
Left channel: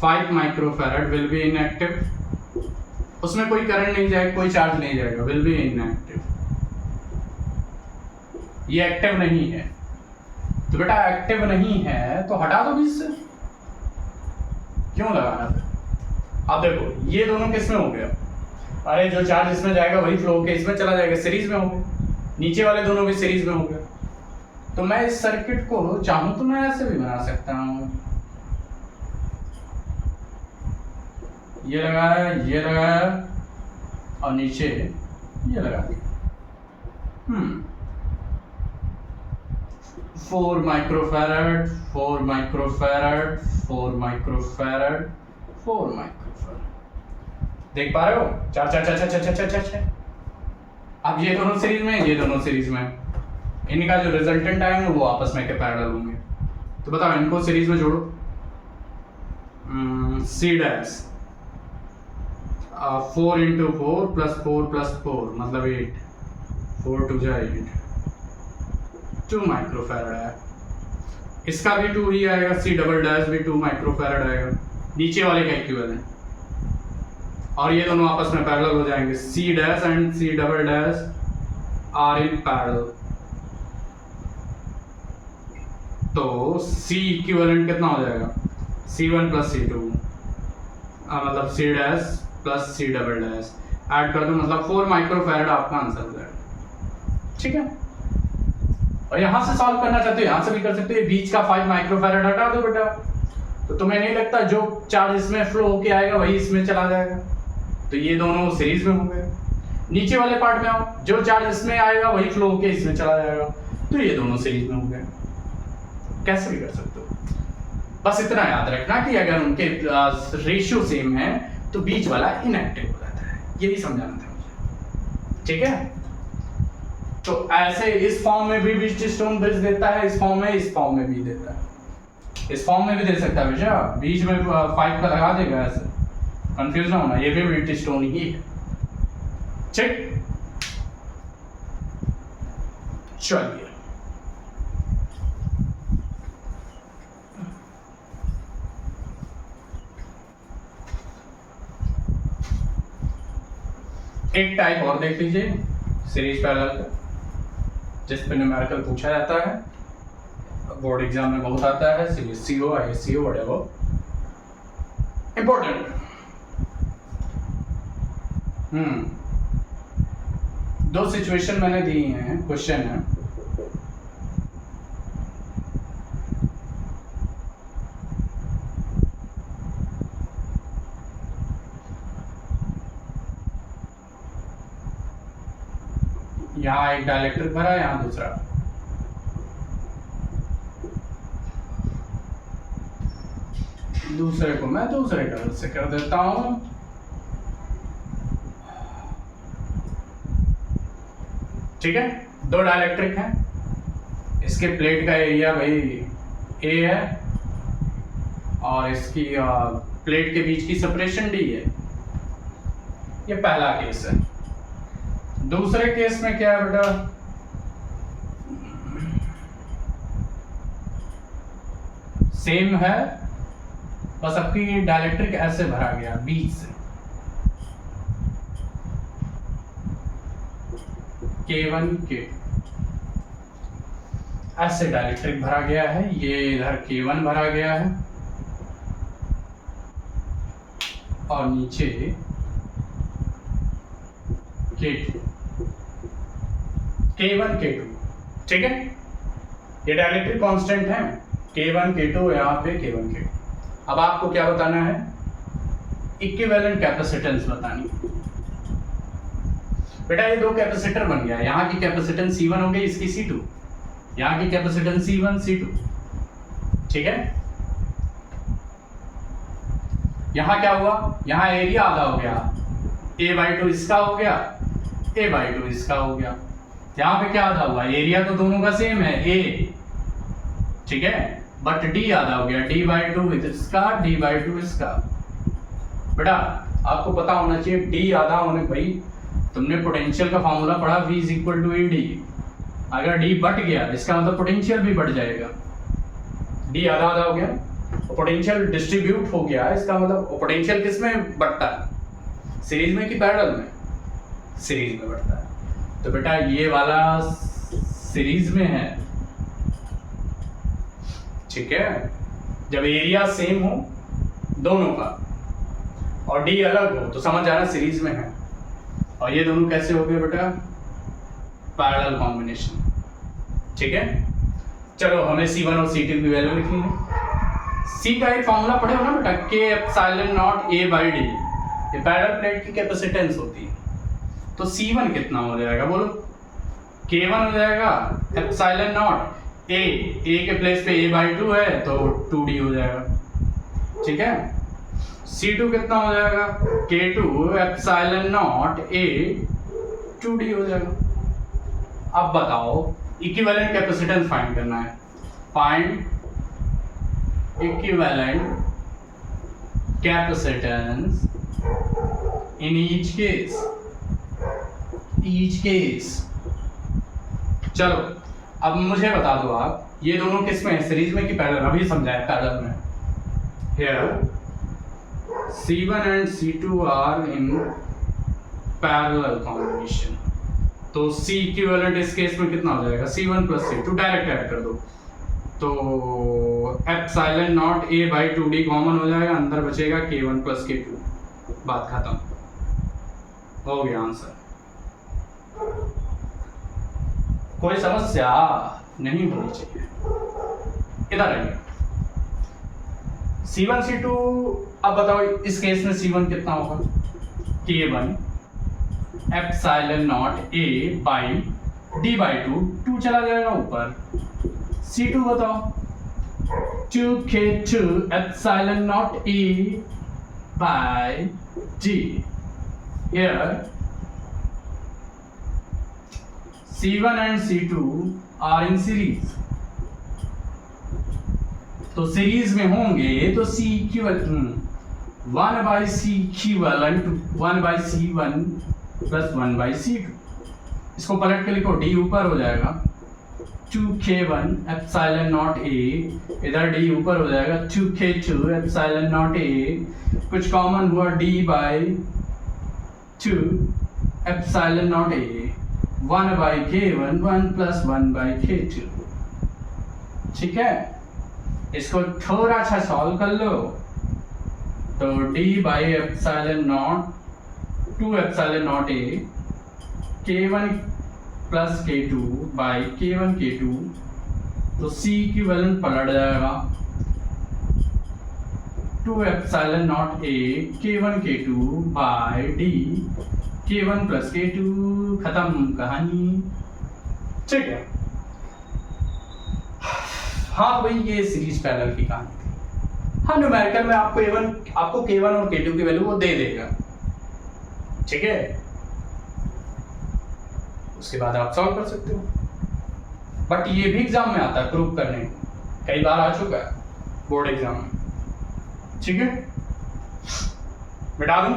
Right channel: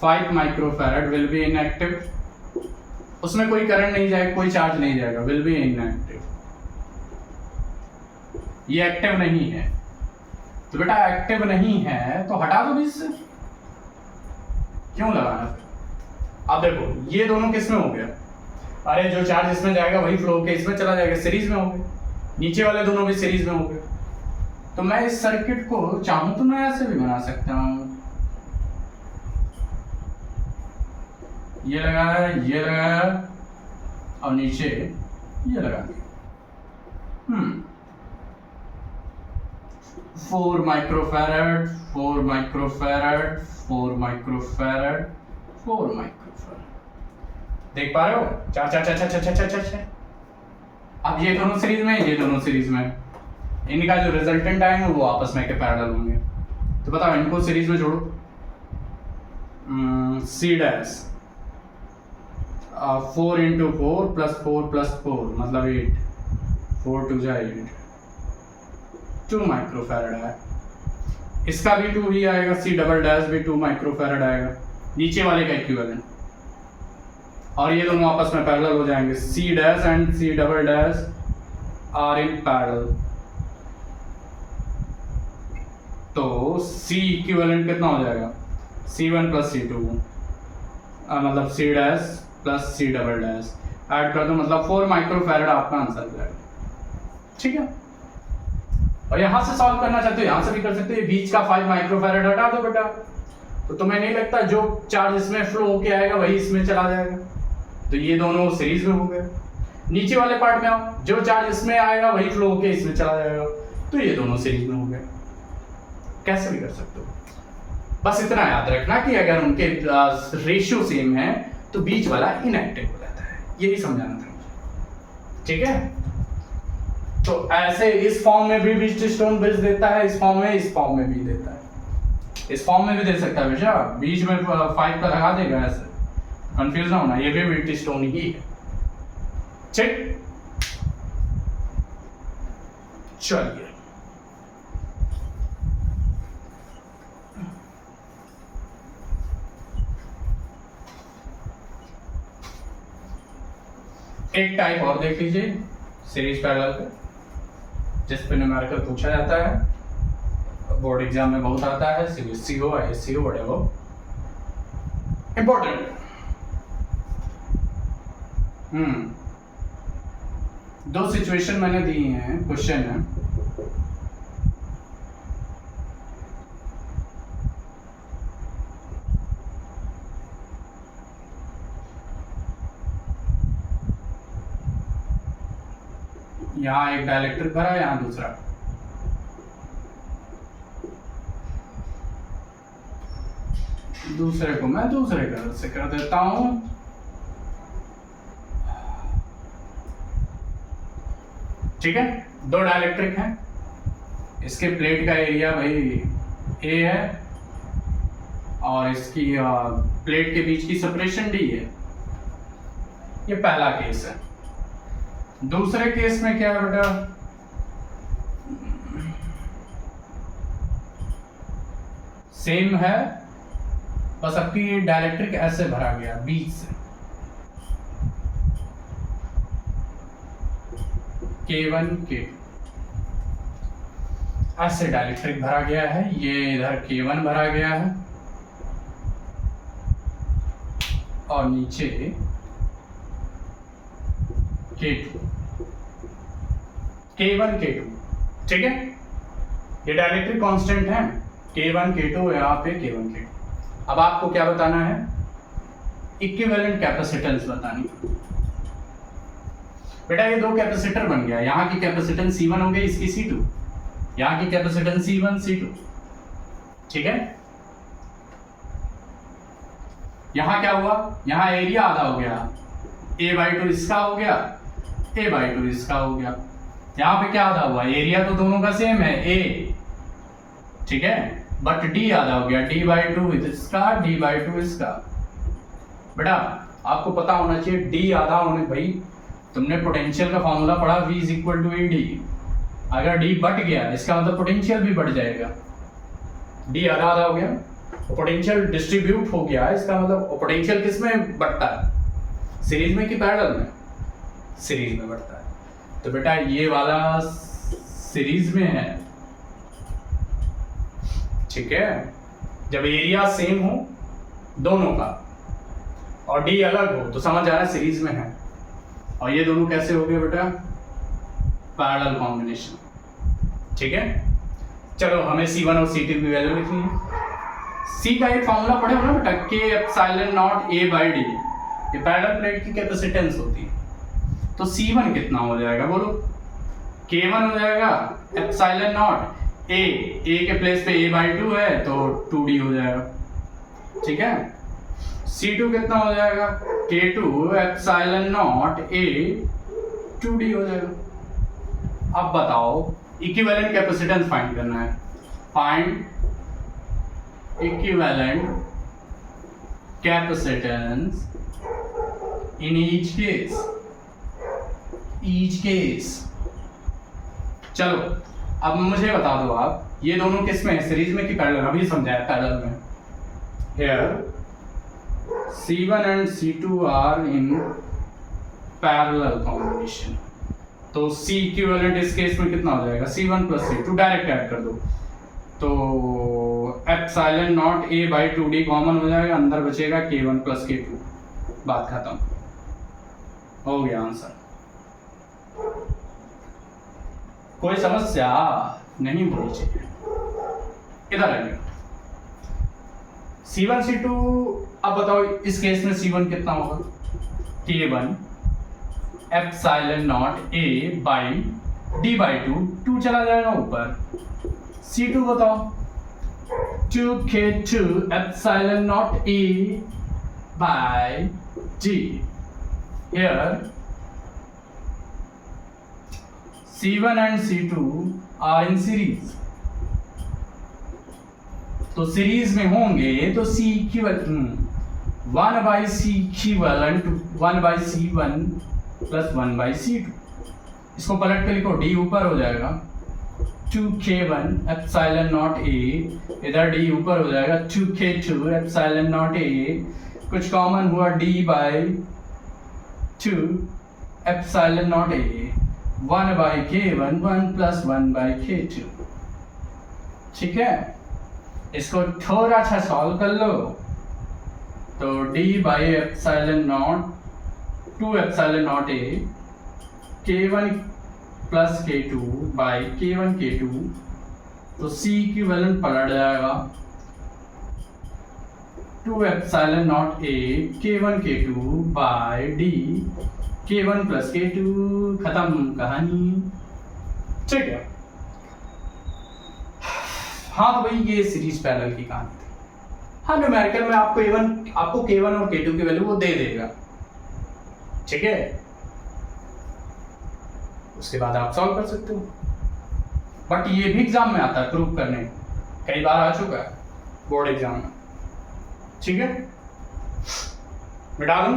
5 microfarad will be inactive. उसमें कोई करंट नहीं जाएगा, कोई चार्ज नहीं जाएगा, will be inactive. ये एक्टिव नहीं है, तो बेटा एक्टिव नहीं है तो हटा दो बीच से, क्यों लगाना फिर। अब देखो ये दोनों किस में हो गया, अरे जो चार्ज इसमें जाएगा वही फ्लो होकर इसमें चला जाएगा, सीरीज में हो गए, नीचे वाले दोनों भी सीरीज में हो गए। तो मैं इस सर्किट को चाहूं तो मैं ऐसे भी बना सकता हूं, ये लगाया, ये लगाया और नीचे ये लगा दिया। 4 माइक्रोफैरड, 4 माइक्रोफैरड, 4 माइक्रोफैरड, 4 माइक्रोफैरड, देख पा रहे हो, 4 4 4 4 4 4 4। अब ये दोनों सीरीज में, ये दोनों सीरीज में, इनका जो रिजल्टेंट आएंगे वो आपस में के पैरेलल होंगे। तो बताओ इनको सीरीज में जोड़ो, C dash 4 into 4 plus 4 plus 4 मतलब 8, 4 2 जा 8, 2 माइक्रोफैरड है। इसका भी 2 ही आएगा, C डबल डैश भी 2 माइक्रोफैरड आएगा, नीचे वाले का इक्विवेलेंट, और ये दोनों आपस में पैरेलल हो जाएंगे। C dash and C double dash are in parallel, तो C इक्विवेलेंट कितना हो जाएगा, C1 प्लस C2 मतलब C dash plus C double dash, add कर दो मतलब 4 माइक्रोफैरड आपका आंसर हो जाएगा, ठीक है। और यहां से सॉल्व करना चाहते हो यहां से भी कर सकते हो, बीच का 5 माइक्रोफैरड हटा दो बेटा, तो तुम्हें नहीं लगता जो चार्ज इसमें फ्लो होके आएगा वही इसमें चला जाएगा, तो ये दोनों सीरीज में हो गए। नीचे वाले पार्ट में आओ, जो चार्ज इसमें आएगा वही फ्लो होके इसमें चला जाएगा, तो ये दोनों सीरीज में हो गए। कैसे भी कर सकते हो, बस इतना याद रखना कि अगर उनके रेशियो सेम है तो बीच वाला इनएक्टिव हो जाता है, ये भी समझाना था मुझे, ठीक है। तो ऐसे इस फॉर्म में भी व्हीटस्टोन ब्रिज देता है, इस फॉर्म में भी देता है, इस फॉर्म में भी दे सकता है बेटा, बीच में 5 का लगा देगा, ऐसे कंफ्यूज ना होना, ये भी व्हीटस्टोन ही है, ठीक। चलिए एक टाइप और देख लीजिए सीरीज पैरेलल का, जिस पे न्यूमेरिकल पूछा जाता है, बोर्ड एग्जाम में बहुत आता है, CBSE हो, ISC हो, बड़े हो, इंपॉर्टेंट। दो सिचुएशन मैंने दी हैं, क्वेश्चन है, यहाँ एक डाइलेक्ट्रिक भरा, यहाँ दूसरा, दूसरे को मैं दूसरे कलर से कर देता हूं, ठीक है। दो डाइलेक्ट्रिक हैं, इसके प्लेट का एरिया भाई A है और इसकी प्लेट के बीच की सेपरेशन D है, ये पहला केस है। दूसरे केस में क्या है बेटा, सेम है, बस आपकी डाइलेक्ट्रिक ऐसे भरा गया बीच से, K1 K2 ऐसे डाइलेक्ट्रिक भरा गया है, ये इधर K1 भरा गया है और नीचे K2, K1 K2 ठीक है, ये डाइलेक्ट्रिक कांस्टेंट है K1 K2, यहाँ पे K1 K2। अब आपको क्या बताना है, इक्विवेलेंट कैपेसिटेंस बतानी। बेटा ये दो कैपेसिटर बन गया, यहाँ की कैपेसिटेंस C1 हो गई, इसकी C2, यहाँ की कैपेसिटेंस C1 C2, ठीक है। यहाँ क्या हुआ, यहाँ एरिया आधा हो गया, A/2 इसका हो गया, A/2 इसका हो गया। यहाँ पे क्या आधा हुआ, एरिया तो दोनों का सेम है A, ठीक है, बट D आधा हो गया, D/2 इसका, D/2 इसका। बेटा आपको पता होना चाहिए D आधा होने, भाई तुमने पोटेंशियल का फॉर्मूला पढ़ा, V = AD। अगर D बढ़ गया इसका मतलब पोटेंशियल भी बढ़ जाएगा। D आधा आधा हो गया, पोटेंशियल डिस्ट्रीब्यूट हो गया, इसका मतलब पोटेंशियल किस में बढ़ता है, सीरीज में कि पैरेलल में, सीरीज में बढ़ता है। तो बेटा ये वाला सीरीज में है, ठीक है। जब एरिया सेम हो दोनों का और डी अलग हो तो समझ आ रहा है सीरीज में है। और ये दोनों कैसे हो गए बेटा, पैरेलल कॉम्बिनेशन, ठीक है। चलो हमें C1 और C2 की वैल्यू लिखनी है। C का एक फॉर्मूला पढ़े हो ना बेटा, K∈0 A/D, ये पैरेलल प्लेट की कैपेसिटेंस होती है। तो C1 कितना हो जाएगा बोलो, K1 हो जाएगा ε0 A के प्लेस पे A/2 है तो 2D हो जाएगा, ठीक है। C2 कितना हो जाएगा, K2 ε0 A 2D हो जाएगा। अब बताओ इक्विवेलेंट कैपेसिटेंस फाइंड करना है, find equivalent capacitance in each case. चलो अब मुझे बता दो आप, ये दोनों किस में है, सीरीज में कि पैरेलल, अभी समझाया पैरेलल में। Here C1 and C2 are in parallel combination, तो C इक्विवेलेंट इस केस में कितना हो जाएगा, C1 + C2, डायरेक्ट ऐड कर दो तो ε0 A/2D कॉमन हो जाएगा, अंदर बचेगा K1 + K2, बात खत्म, हो गया आंसर। कोई समस्या नहीं होनी चाहिए। इधर आइए, C1 C2, अब बताओ इस केस में C1 कितना होगा, K1 ε0 A/D/2, 2 चला जाएगा ऊपर। C2 बताओ, 2K2 ε0 A/D। Here C1 and C2 are in series, तो सीरीज में होंगे तो C equivalent 1/C equivalent 1/C1 + 1/C2। इसको पलट के लिखो, D ऊपर हो जाएगा 2K1 ε0 A, इधर D ऊपर हो जाएगा 2K2 ε0 A, कुछ कॉमन हुआ D/2 ε0 A, 1/K1 1 + 1/K2, ठीक है। इसको थोड़ा सा सॉल्व कर लो तो D/ε0 2ε0 A K1 + K2 K1 K2, तो C इक्विवेलेंट पलट जाएगा 2ε0 A K1 K2 D K1 + K2, खत्म कहानी, ठीक है। हाँ तो भाई ये सीरीज पैरेलल की कहानी थी। हाँ न्यूमेरिकल में आपको K1 और K2 की वैल्यू वो दे देगा, ठीक है। उसके बाद आप सॉल्व कर सकते हो, बट ये भी एग्जाम में आता है प्रूव करने, कई बार आ चुका है बोर्ड एग्जाम में, ठीक है। मिटा दूं,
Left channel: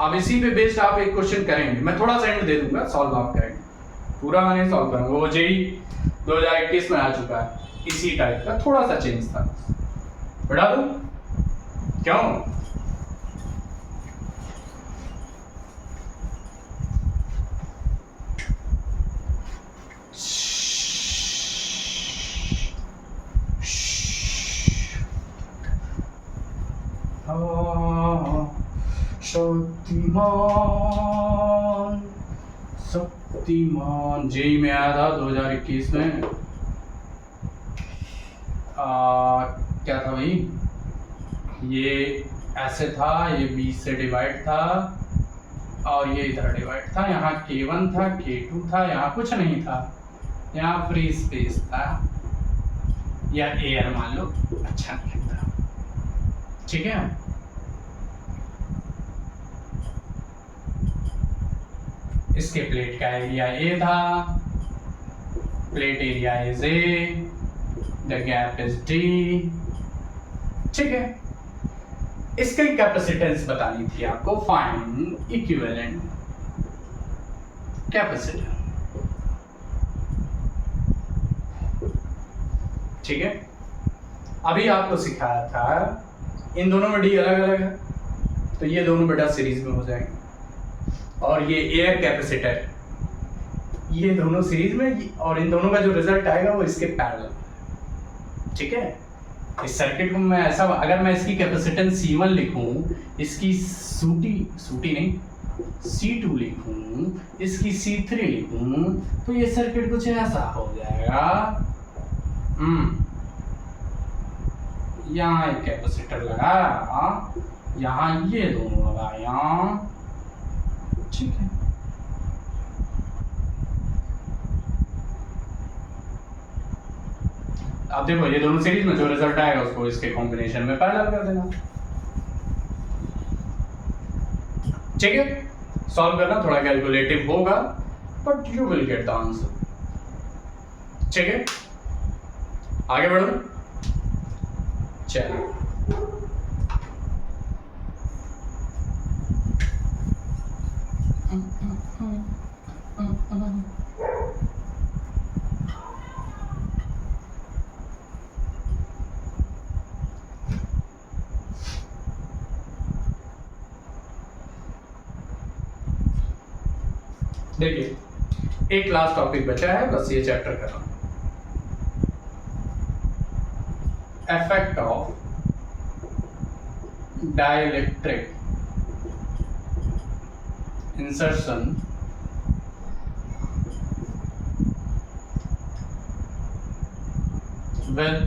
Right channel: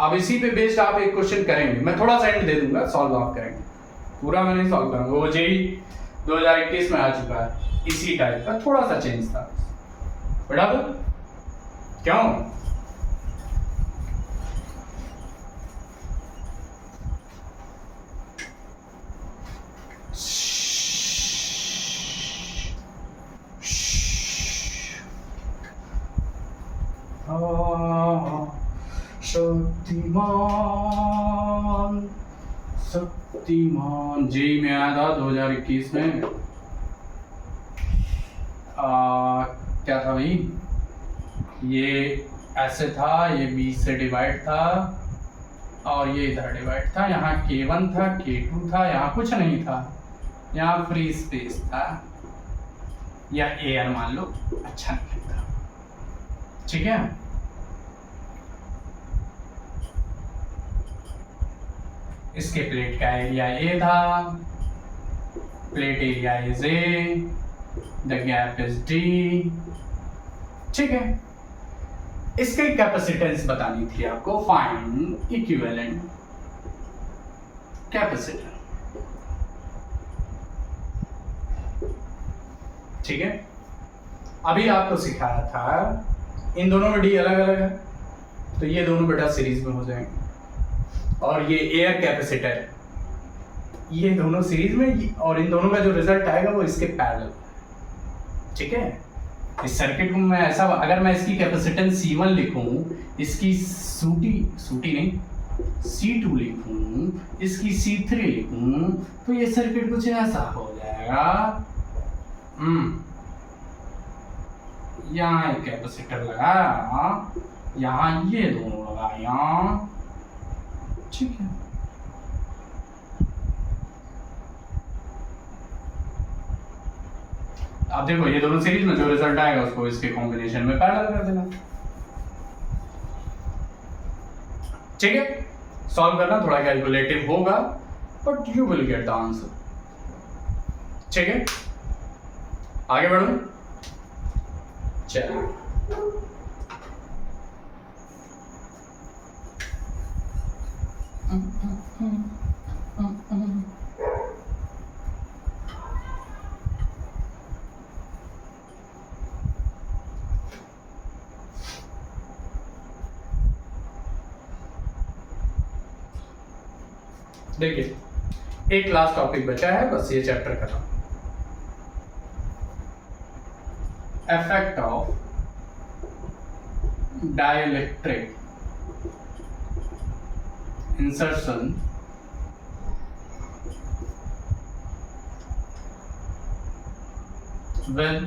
अब इसी पे बेस्ड आप एक क्वेश्चन करेंगे, मैं थोड़ा सा एंड दे दूंगा, सॉल्व आप करेंगे, पूरा मैं नहीं सॉल्व करूंगा। वो JEE 2021 में आ चुका है, इसी टाइप का थोड़ा सा चेंज था, बढ़ा दो क्यों। शक्तिमान शक्तिमान जेई में आया था 2021 में। क्या था भाई, ये ऐसे था, ये 20 से डिवाइड था और ये इधर डिवाइड था। यहाँ K1 था, K2 था, यहाँ कुछ नहीं था, यहाँ फ्री स्पेस था या एयर मान लो, अच्छा नहीं लगता, ठीक है। इसके प्लेट का एरिया A था, plate area is A, the gap is D, ठीक है। इसके कैपेसिटेंस बतानी थी आपको, फाइंड इक्विवेलेंट कैपेसिटर, ठीक है। अभी आपको सिखाया था इन दोनों में D अलग अलग है, तो ये दोनों बेटा सीरीज में हो जाएंगे, और ये एयर कैपेसिटर ये दोनों सीरीज में, और इन दोनों का जो रिजल्ट आएगा वो इसके पैरेलल, ठीक है। इस सर्किट को मैं ऐसा, अगर मैं इसकी कैपेसिटेंस C1 लिखूं, इसकी सूटी नहीं C2 लिखूं, इसकी C3 लिखूं, तो ये सर्किट कुछ ऐसा हो जाएगा। यहाँ एक कैपेसिटर लगा, यहाँ ये दोनों लगा, यहाँ, ठीक है। अब देखो ये दोनों सीरीज में जो रिजल्ट आएगा उसको इसके कॉम्बिनेशन में पैरेलल कर देना, ठीक है। सॉल्व करना थोड़ा कैलकुलेटिव होगा, but you will get the answer, ठीक है। आगे बढ़ो, चलिए। देखिए एक लास्ट टॉपिक बचा है, बस ये चैप्टर कर रहा हूं। Effect of dielectric insertion with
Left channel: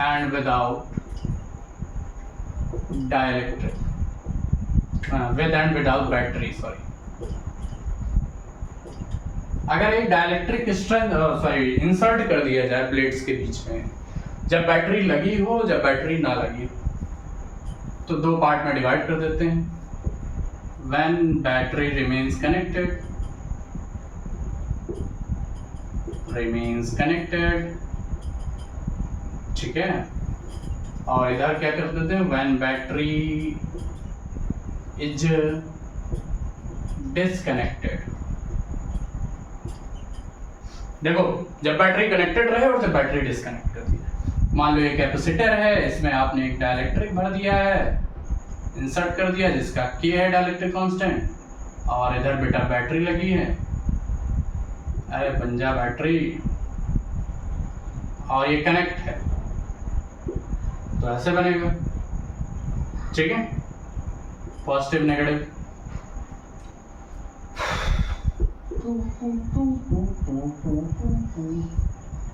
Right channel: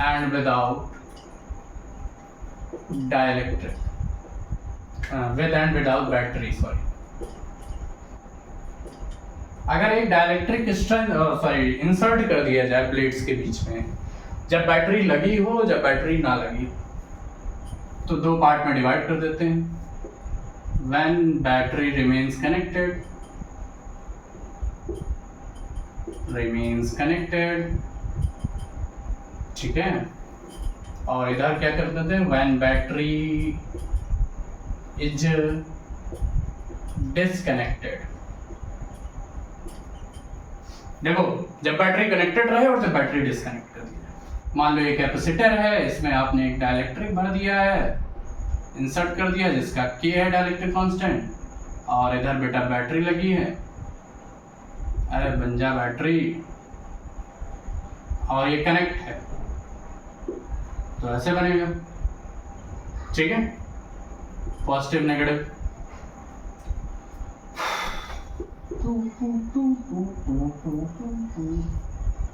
and without dielectric, with and without battery, sorry। अगर एक डाइलेक्ट्रिक इंसर्ट कर दिया जाए प्लेट्स के बीच में, जब बैटरी लगी हो जब बैटरी ना लगी, तो दो पार्ट में डिवाइड कर देते हैं। when battery remains connected, ठीक है। और इधर क्या कर देते हैं, when battery is disconnected। देखो जब बैटरी कनेक्टेड रहे और जब बैटरी डिस्कनेक्ट कर दिया। मान लो ये कैपेसिटर है, इसमें आपने एक डाइलेक्ट्रिक भर दिया है, इंसर्ट कर दिया जिसका K है डाइलेक्ट्रिक कांस्टेंट, और इधर बेटा बैटरी लगी है, अरे बन जा बैटरी, और ये कनेक्ट है, तो ऐसे बनेगा, ठीक है। पॉजिटिव नेगेटिव,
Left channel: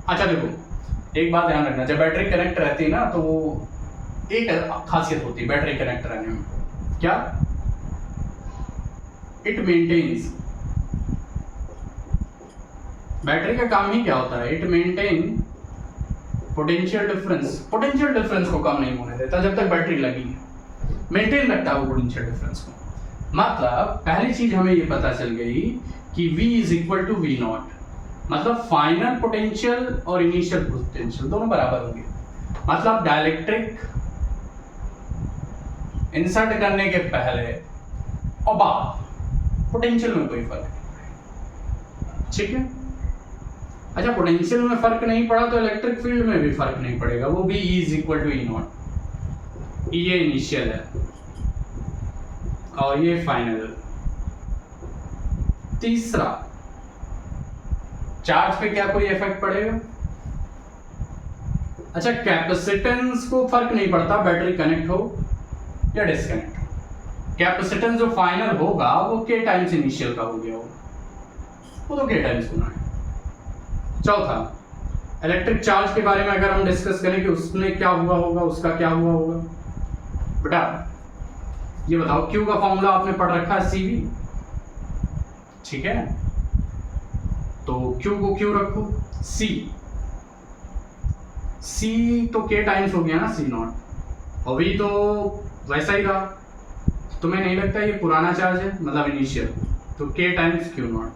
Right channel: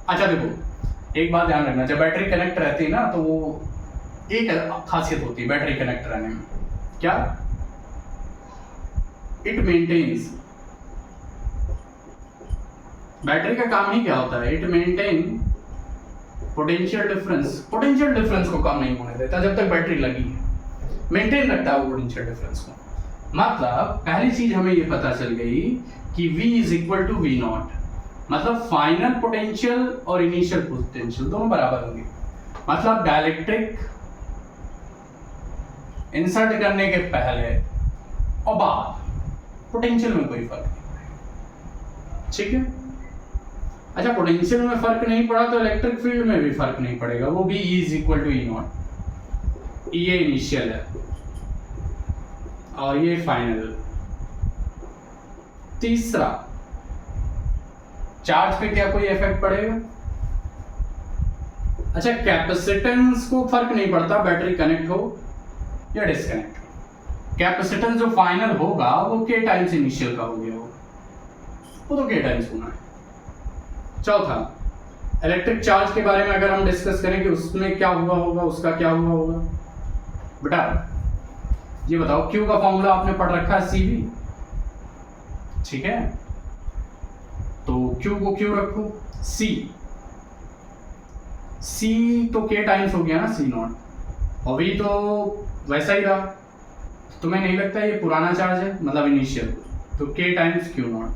अच्छा देखो एक बात ध्यान रखना, जब बैटरी कनेक्ट रहती है ना, तो वो एक खासियत होती है बैटरी कनेक्ट रहने में, क्या, इट मेंटेन्स, बैटरी का काम ही क्या होता है, इट मेंटेन पोटेंशियल डिफरेंस को कम नहीं होने देता जब तक बैटरी लगी है, मेंटेन रखता है वो पोटेंशियल डिफरेंस को। मतलब पहली चीज हमें ये पता चल गई कि V is equal to V naught, मतलब फाइनल पोटेंशियल और इनिशियल पोटेंशियल दोनों बराबर होंगे। मतलब डाइलेक्ट्रिक इंसर्ट करने के पहले और बाद पोटेंशियल में कोई फर्क नहीं, ठीक है। अच्छा पोटेंशियल में फर्क नहीं पड़ा तो इलेक्ट्रिक फील्ड में भी फर्क नहीं पड़ेगा, वो भी E is equal to E naught, ये इनिशियल है और ये फाइनल। तीसरा, चार्ज पे क्या कोई इफेक्ट पड़ेगा, अच्छा कैपेसिटेंस को फर्क नहीं पड़ता बैटरी कनेक्ट हो या डिस्कनेक्ट हो, कैपेसिटेंस जो फाइनल होगा वो K टाइम्स इनिशियल का हो गया होगा, वो तो के टाइम्स होना है। चौथा, इलेक्ट्रिक चार्ज के बारे में अगर हम डिस्कस करें कि उसमें क्या हुआ होगा, उसका क्या हुआ होगा, बेटा ये बताओ, क्यू का फॉर्मूला आपने पढ़ रखा है CV, ठीक है, तो क्यू को क्यू रखो, C तो के टाइम्स हो गया ना C0, और V तो वैसा ही रहा। तुम्हें नहीं लगता ये पुराना चार्ज है, मतलब इनिशियल, तो के टाइम्स Q0,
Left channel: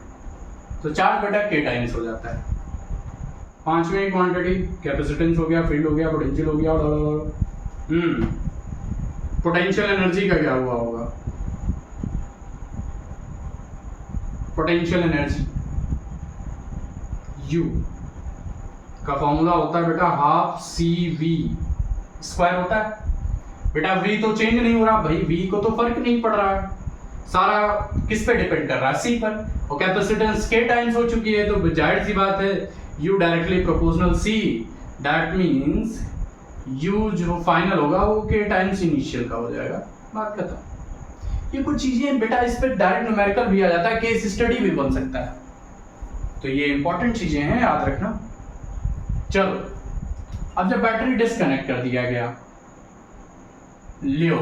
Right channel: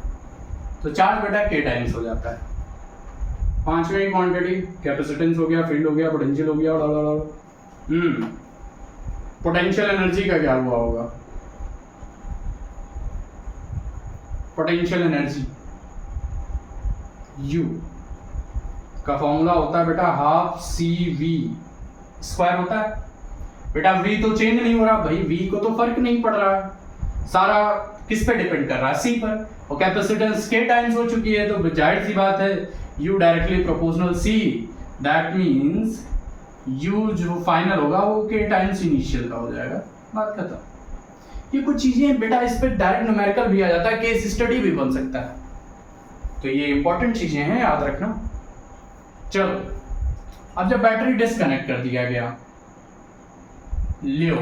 तो चार्ज बेटा के टाइम्स हो जाता है। पांचवी क्वांटिटी कैपेसिटेंस हो गया, फील्ड हो गया, पोटेंशियल हो गया, पोटेंशियल एनर्जी का क्या हुआ होगा, पोटेंशियल एनर्जी U का फॉर्मूला होता है बेटा हाफ CV स्क्वायर होता है। बेटा V तो चेंज नहीं हो रहा भाई, V को तो फर्क नहीं पड़ रहा है, सारा किस पे डिपेंड कर रहा है, C पर, और कैपेसिटेंस के टाइम्स हो चुकी है, तो जाहिर सी बात है U directly proportional C, that means U जो फाइनल होगा वो के टाइम्स इनिशियल का हो जाएगा, बात खत्म। ये कुछ चीजें बेटा इस पे डायरेक्ट न्यूमेरिकल भी आ जाता है, केस स्टडी भी बन सकता है, तो ये इंपॉर्टेंट चीजें हैं, याद रखना। चलो अब जब बैटरी डिस्कनेक्ट कर दिया गया, लियो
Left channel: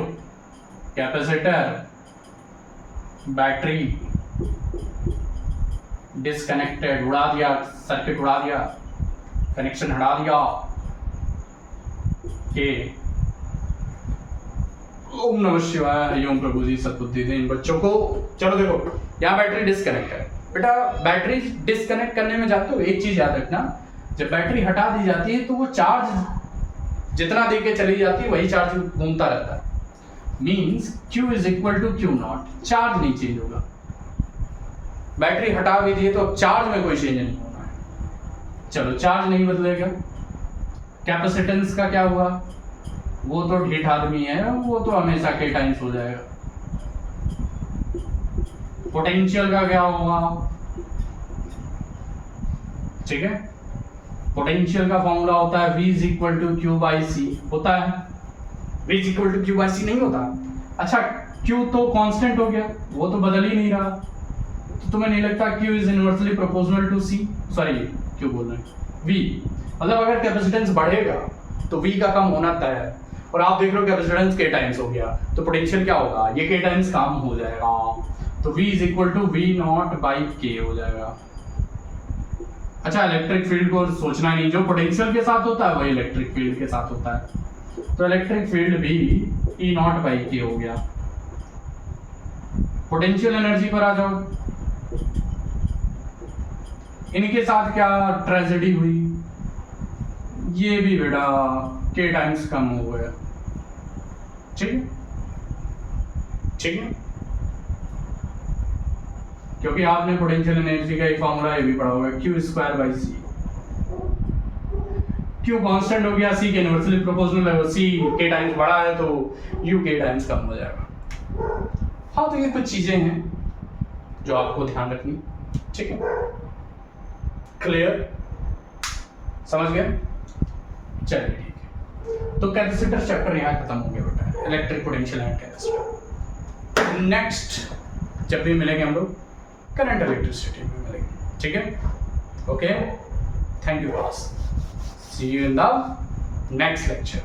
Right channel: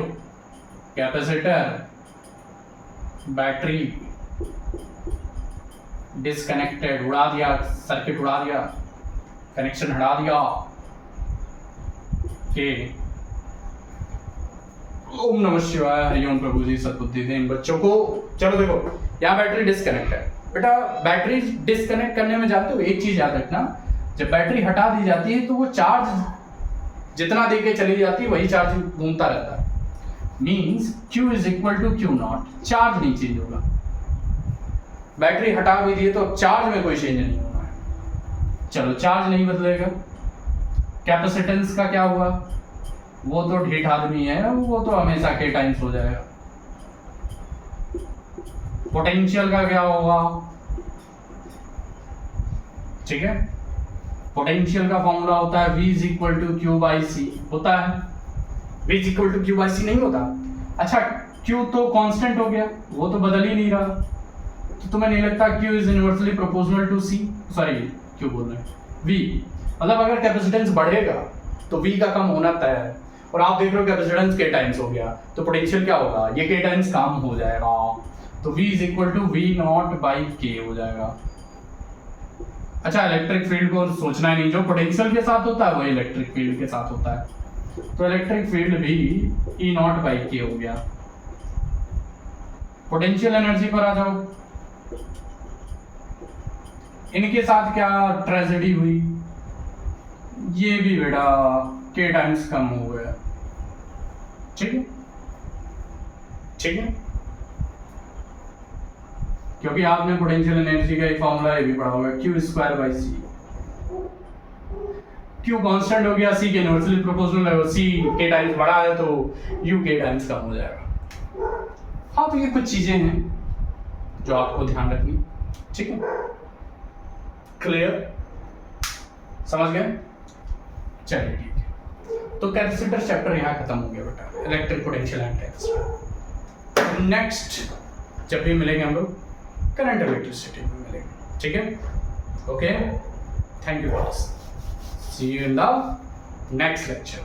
कैपेसिटर बैटरी डिस्कनेक्टेड, उड़ा दिया, सर्किट उड़ा दिया, कनेक्शन हटा दिया, के ओम नमः शिवाय, हरिओम प्रभु जी सद्बुद्धि दें इन बच्चों को। चलो देखो यहाँ बैटरी डिस्कनेक्ट है बेटा, बैटरी डिस्कनेक्ट करने में जाते हो एक चीज याद रखना, जब बैटरी हटा दी जाती है तो वो चार्ज जितना दे के चली जाती है वही चार्ज घूमता रहता है, means Q is equal to Q0, charge नहीं चेंज होगा। बैटरी हटा भी दिए तो चार्ज में कोई चेंज नहीं होना है। चलो चार्ज नहीं बदलेगा, कैपेसिटेंस का क्या हुआ, वो तो ढीठ आदमी है, वो तो हमेशा के टाइम्स हो जाएगा। पोटेंशियल का क्या होगा, ठीक है, पोटेंशियल का फॉर्मूला होता है V is equal to Q by C, होता है, V is equal to Q by C नहीं होता। अच्छा Q तो कांस्टेंट हो गया, वो तो बदल ही नहीं रहा, तो तुम्हें नहीं लगता Q is inversely proportional to C, sorry Q बोल रहे हैं V, मतलब अगर कैपेसिटेंस बढ़ेगा तो V का कम होना तय है, और आप देख रहे हो कैपेसिटेंस के टाइम्स हो गया, तो पोटेंशियल क्या होगा, ये के टाइम्स कम हो जाएगा, तो V is equal to V0 by K हो जाएगा। अच्छा इलेक्ट्रिक फील्ड को सोचना ही नहीं, जो पोटेंशियल के साथ होता है वही इलेक्ट्रिक फील्ड के साथ होता है, तो इलेक्ट्रिक फील्ड भी E0 बाई K हो गया। पोटेंशियल एनर्जी पर आ जाओ, इनके साथ क्या ट्रेजेडी हुई, ये भी बेटा के टाइम्स कम हो गया, ठीक है, ठीक है, क्योंकि आपने पोटेंशियल एनर्जी का एक फॉर्मूला ये भी पढ़ा होगा, Q square by C, Q constant हो गया, C के इनवर्सली प्रोपोर्शनल है, C के टाइम्स बड़ा है तो U के टाइम्स कम हो जाएगा। हाँ तो ये कुछ चीजें हैं जो आपको ध्यान रखनी, ठीक है, क्लियर, समझ गए, चलिए ठीक है। तो कैपेसिटर चैप्टर यहाँ खत्म हो गया बेटा, electric potential and capacitor. Next जब भी मिलेंगे हम लोग करंट इलेक्ट्रिसिटी में मिलेंगे, ठीक है, okay, thank you boss, see you in the next lecture.